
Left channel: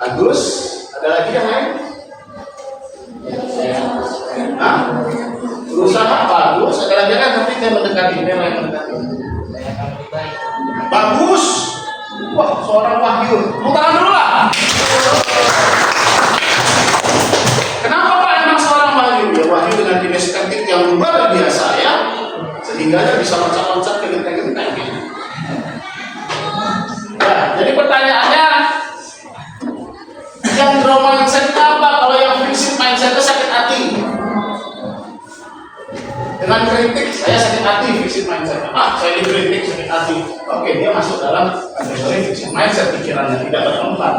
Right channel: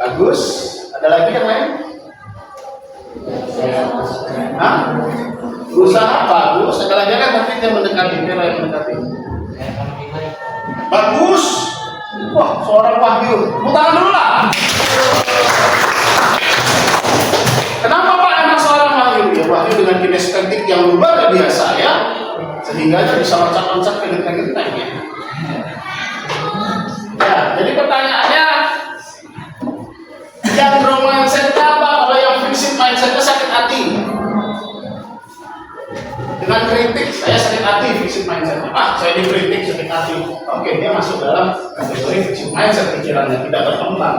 Bagus. Ada lagi yang lain? Hah? Berusaha bagus. Ada lagi kan? Tapi dia mendekati. Dia mendekati. Bagus. Wah, seorang Wahyu. Tepuk tangan dulu lah. Kenapa Pak emang seorang Wahyu? Ya Wahyu dengan kinestetik yang luar biasa ya, sehingga dia bisa loncat-loncat ke genteng-genteng ya. Ya, jadi pertanyaannya, yang grow mindset apa? Kalau yang fixed mindsetnya sakit hati. Dengan kritik, saya sakit hati, fixed mindset. Saya dikritik, sakit hati. Oke, dia masuk dalam kategori fixed mindset, pikirannya tidak berkembang.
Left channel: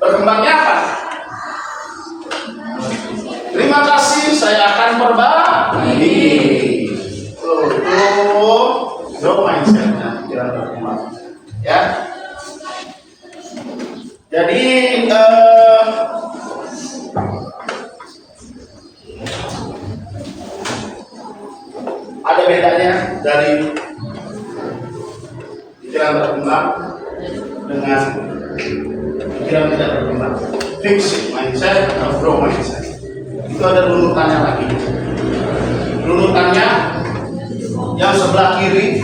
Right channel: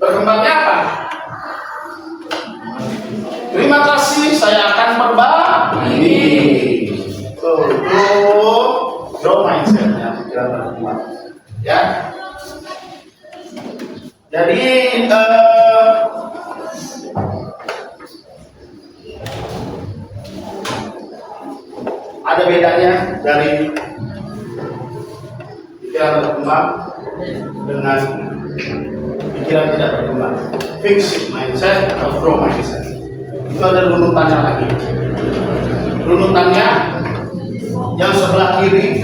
Berkembangnya apa? Terima kasih, saya akan berbagi. Tuh, grow mindset, pikiran berkembang. Ya. Jadi ada bedanya dari pikiran berkembang dengan pikiran tidak berkembang. Fixed mindset atau grow mindset. Itu ada runutannya lagi. Runutannya yang sebelah kiri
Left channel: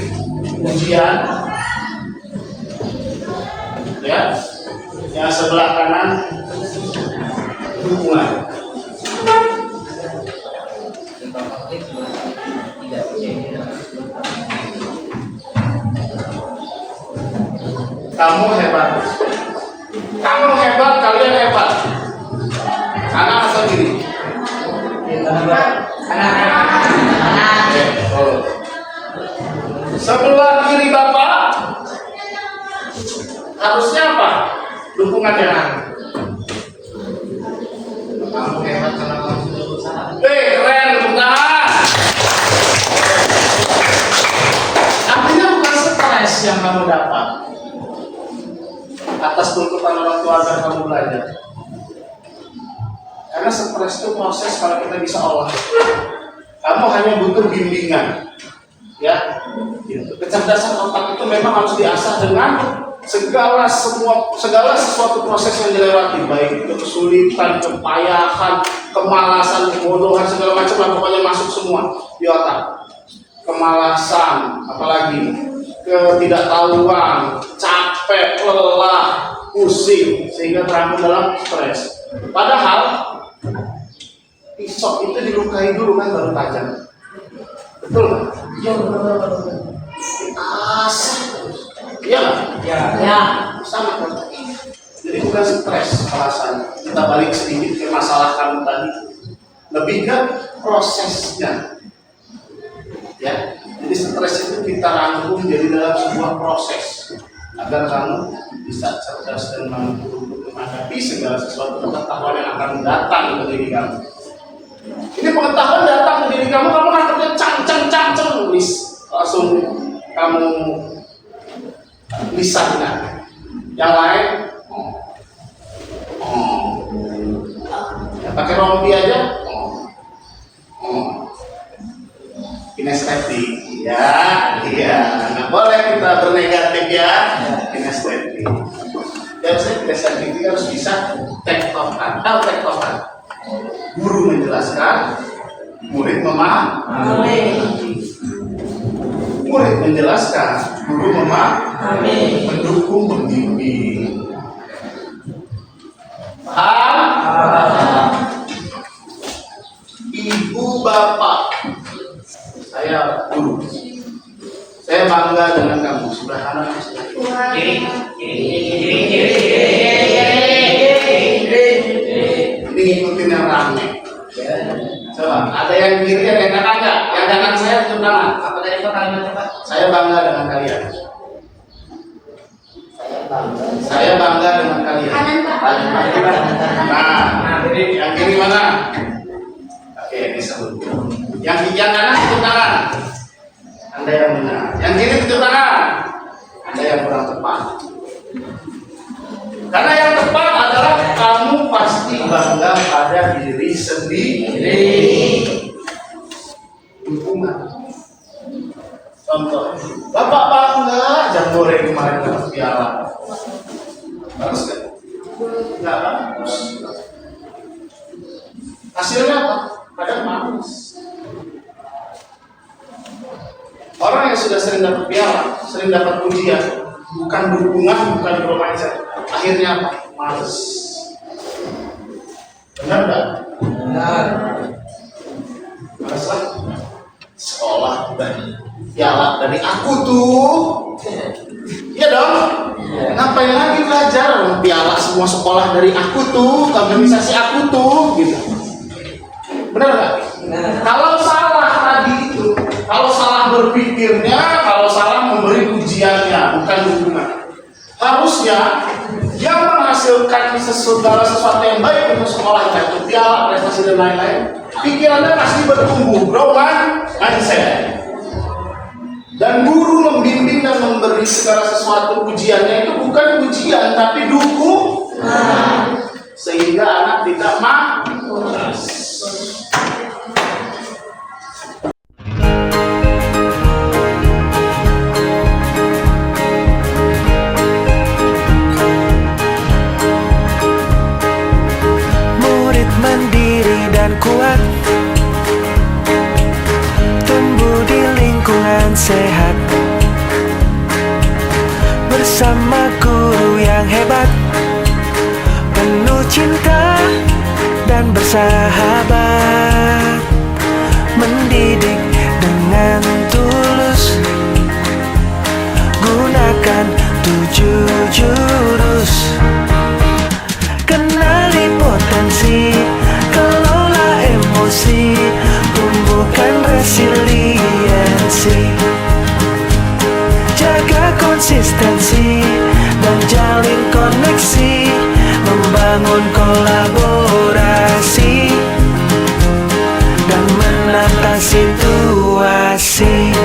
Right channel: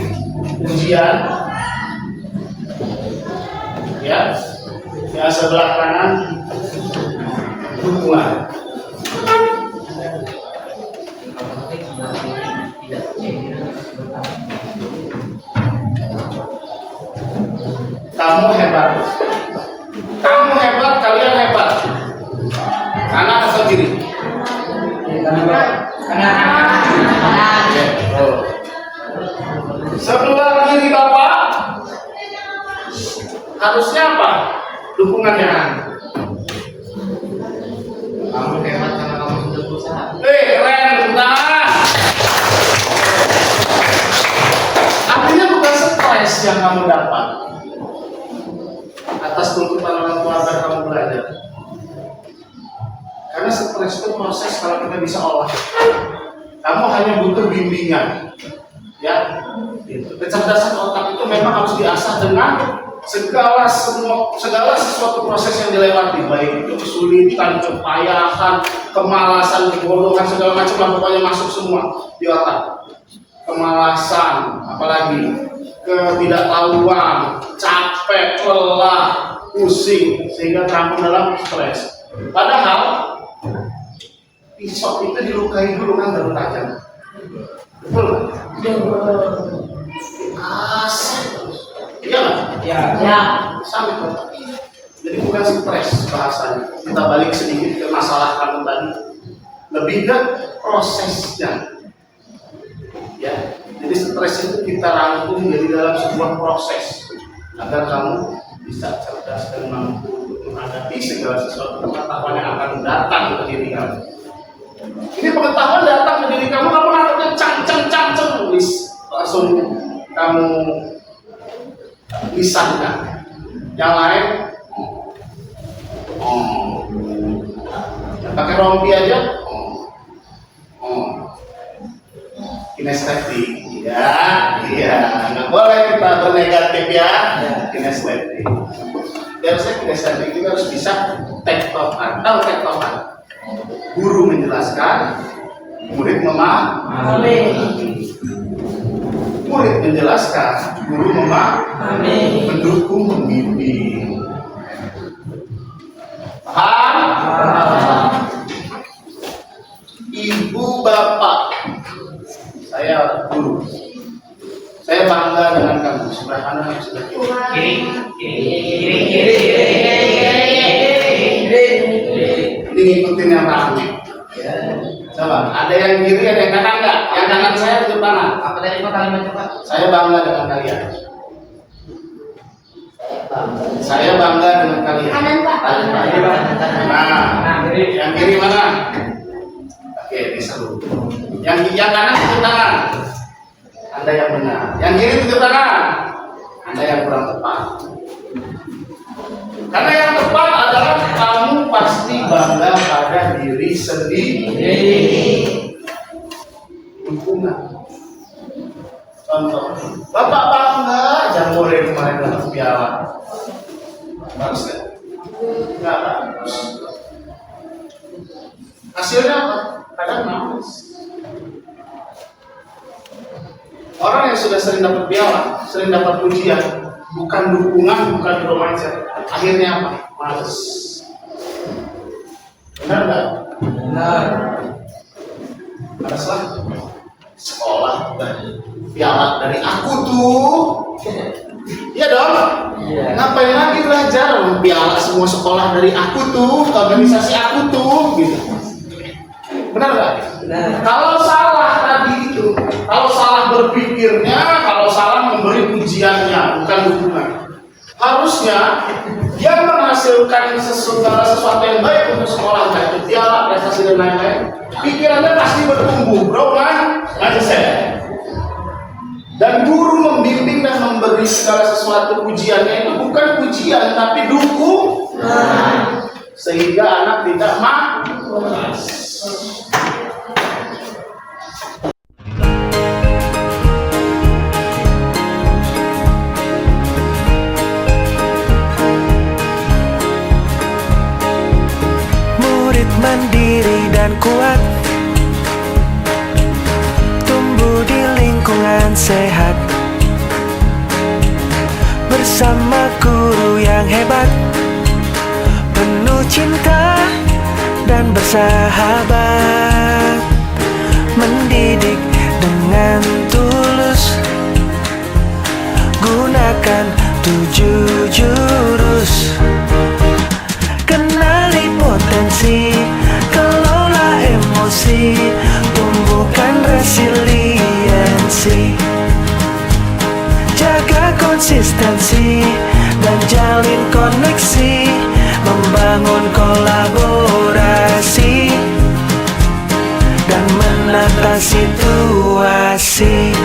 ujian, ya, yang sebelah kanan dukungan. Kamu hebat, kamu hebat, kalian hebat. Kanan atau kiri? Oh. Sebelah kiri Bapak harusnya apa? Dukungannya. Kamu hebat karena kamu sudah berusaha. Keren, tepuk tangan. Artinya bukan stres yang kamu dapat atas tuntutan orang tua agar kamu belajar. Karena stres itu proses kalau kita bisa olah. Kamu hanya butuh bimbingan, ya. Gitu. Kecerdasan otak itu memang harus diasah dengan segala sesuatu proses yang dilewati, baik itu kesulitan, kepayahan, kemalasan, kebodohan, segala macam lah, pokoknya masuk semua di otak. Kemalasan, apalagi ketidaktahuan, capek, lelah, pusing, sehingga terampung dalam stres. Padahal pisau itu dilukai dulu kan baru tajam, betul kan? Iya betul. Iya nggak? Ya. Sama kan? Jadi bukan stres rasanya. Kita balik sedikit ke masalah kamu tadi, lebih ke prosesnya. Ya, jadi stres itu kita rangkum jadi dalam sebuah proses agar kamu bisa cerdas dan mampu untuk menghadapi segala sesuatu pengetahuan yang akan datang ke diri kamu. Ini pengetahuan datang ke diri kamu, kamu nggak cang, langsung kamu lisankan. Yang lain, ya, pakai rompi aja, kinestetik, ya, iya, nggak boleh kita bernegatif ya, kinestetik. Dan saya kinestetik itu harus bisa tektokan, tahu tektokan? Guru menjelaskan, murid memahami. Murid menjelaskan, guru memahami, mendukung, membimbing. Paham? Ibu bapak, saya guru. Saya bangga dengan kamu. Sebelah kanan, sebelah kiri. Ini ngikutin yang rame. Coba, ada yang kiri, ada yang kanan nggak? Yang kanan saya tunjuk tangan. Apa dari kalimat Pak? Saya bangga dengan kalian. Saya bangga dengan kalian. Kanan Pak. Nah, yang kiri mana? Oke, ini seru. Yang kanan tunjuk tangan. Anda yang benar. Yang kiri tunjuk tangan. Anda yang kurang tepat. Karena yang tepat adalah kamu pasti bangga pada diri sendiri. Dukungan. Contoh, Bapak bangga Jamboree kemarin dapat piala. Bagus kan? Enggak bagus. Hasilnya apa? Kadang bagus. Orang yang sudah sering dapat piala, sering dapat pujian, bukan dukungan, bukan remaja. Akhirnya apa? Males. Benar nggak? Benar. Males lagi. Sekolah dan piala dari aku tuh. Iya dong. Iya. Ngapain lagi belajar? Piala semua sekolah dari aku tuh, organisasi aku tuh, gitu. Benar nggak? Benar. Kalau salah tadi itu, kalau salah berpikirnya, kalau salah memberi ujiannya, bukan dukungan. Harusnya yang menghasilkan segala sesuatu yang baik untuk sekolah, baik itu piala, prestasi dan lain-lain, pikirannya pasti bertumbuh, growth mindset. Dan guru membimbing dan memberi segala sesuatu ujiannya itu bukan ujian, tapi dukungan, sehingga anak tidak malas. Mandiri dan kuat, tumbuh di lingkungan sehat, bersama guru yang hebat, penuh cinta dan bersahabat, mendidik dengan tulus, gunakan 7 jurus. Kenali potensi, kelola emosi, tumbuhkan resiliensi, jaga konsistensi dan jalin koneksi, membangun kolaborasi dan menata situasi.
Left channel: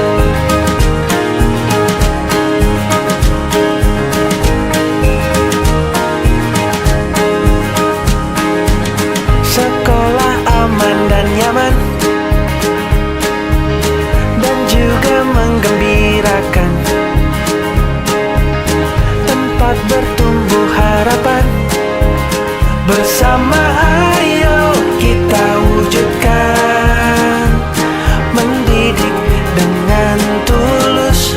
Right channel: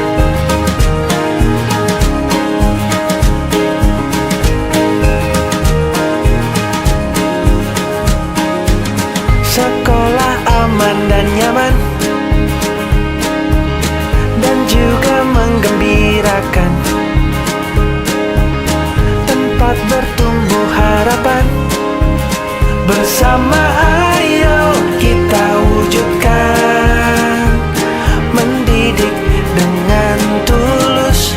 Sekolah aman dan nyaman dan juga menggembirakan, tempat bertumbuh harapan. Bersama ayo kita wujudkan, mendidik dengan tulus,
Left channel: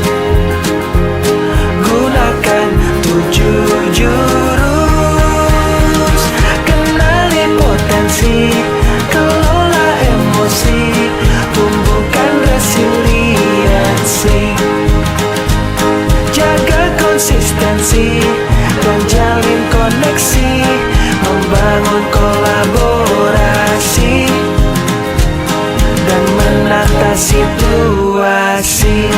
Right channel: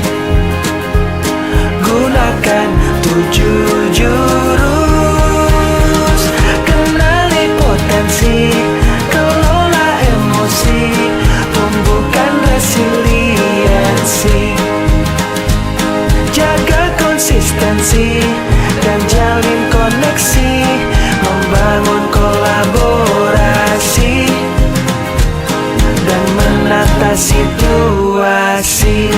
gunakan 7 jurus. Kenali potensi, kelola emosi, tumbuhkan resiliensi, jaga konsistensi dan jalin koneksi, membangun kolaborasi dan menata situasi.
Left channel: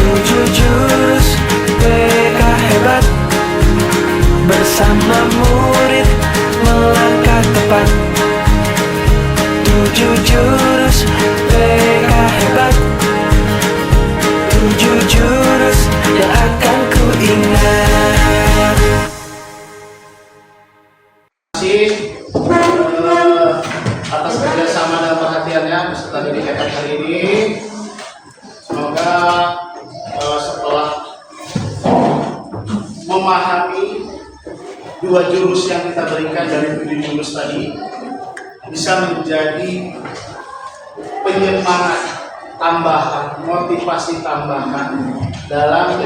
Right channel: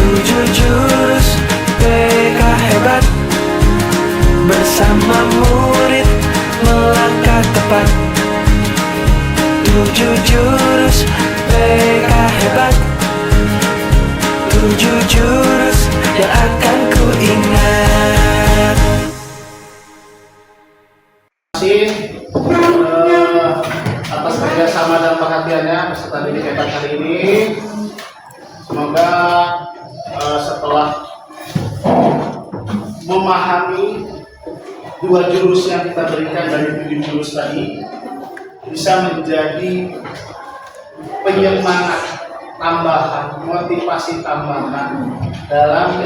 7 jurus PK hebat, bersama murid melangkah tepat. 7 jurus PK hebat, 7 jurus yang akan ku ingat. Terima kasih atas kerjasama dan perhatiannya peserta didik hebat hari ini. Semoga setelah memahami 2 jurus yang kita berikan dari 7 jurus tadi, bisa menjadi penyemangat tambahan, motivasi tambahan dalam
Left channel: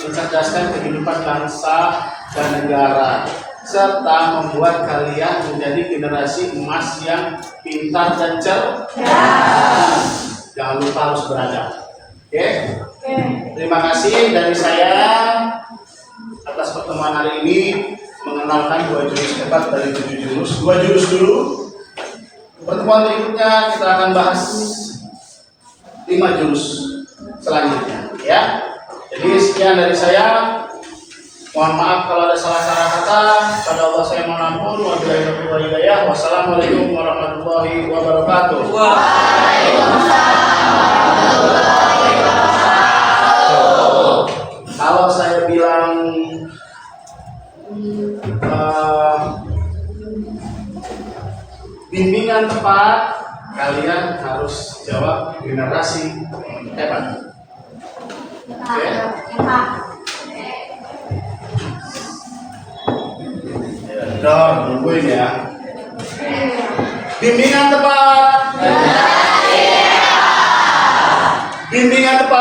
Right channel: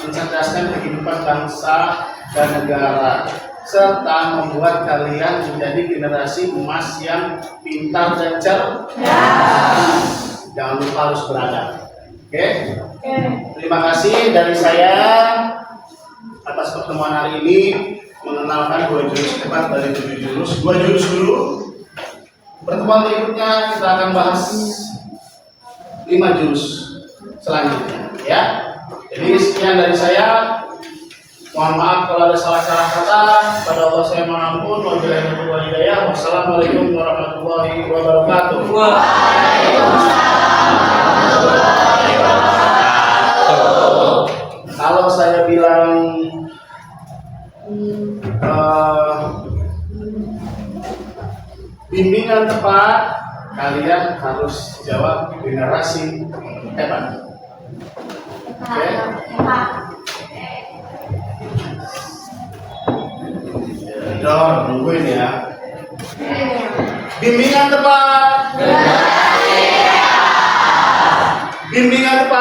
mencerdaskan kehidupan bangsa dan negara, serta membuat kalian menjadi generasi emas yang pintar dan cerdas. Jangan lupa harus beradab. Oke? Terima kasih dari saya atas pertemuan hari ini, mengenalkan 2 jurus hebat dari 7 jurus. 2 jurus dulu. Pertemuan berikutnya kita akan bahas 5 jurus selanjutnya, ya. Jadi sekian dari saya. Mohon maaf kalau ada salah-salah kata. Pada Allah saya mohon ampun. Wabillahi taufiq wal hidayah. Wassalamualaikum warahmatullahi wabarakatuh. Kalau saya bilang bimbingan tepat, kalian harus jawab generasi hebat. Oke? Dong, nungguin ya. Bimbingan tepat. Bimbingan tepat.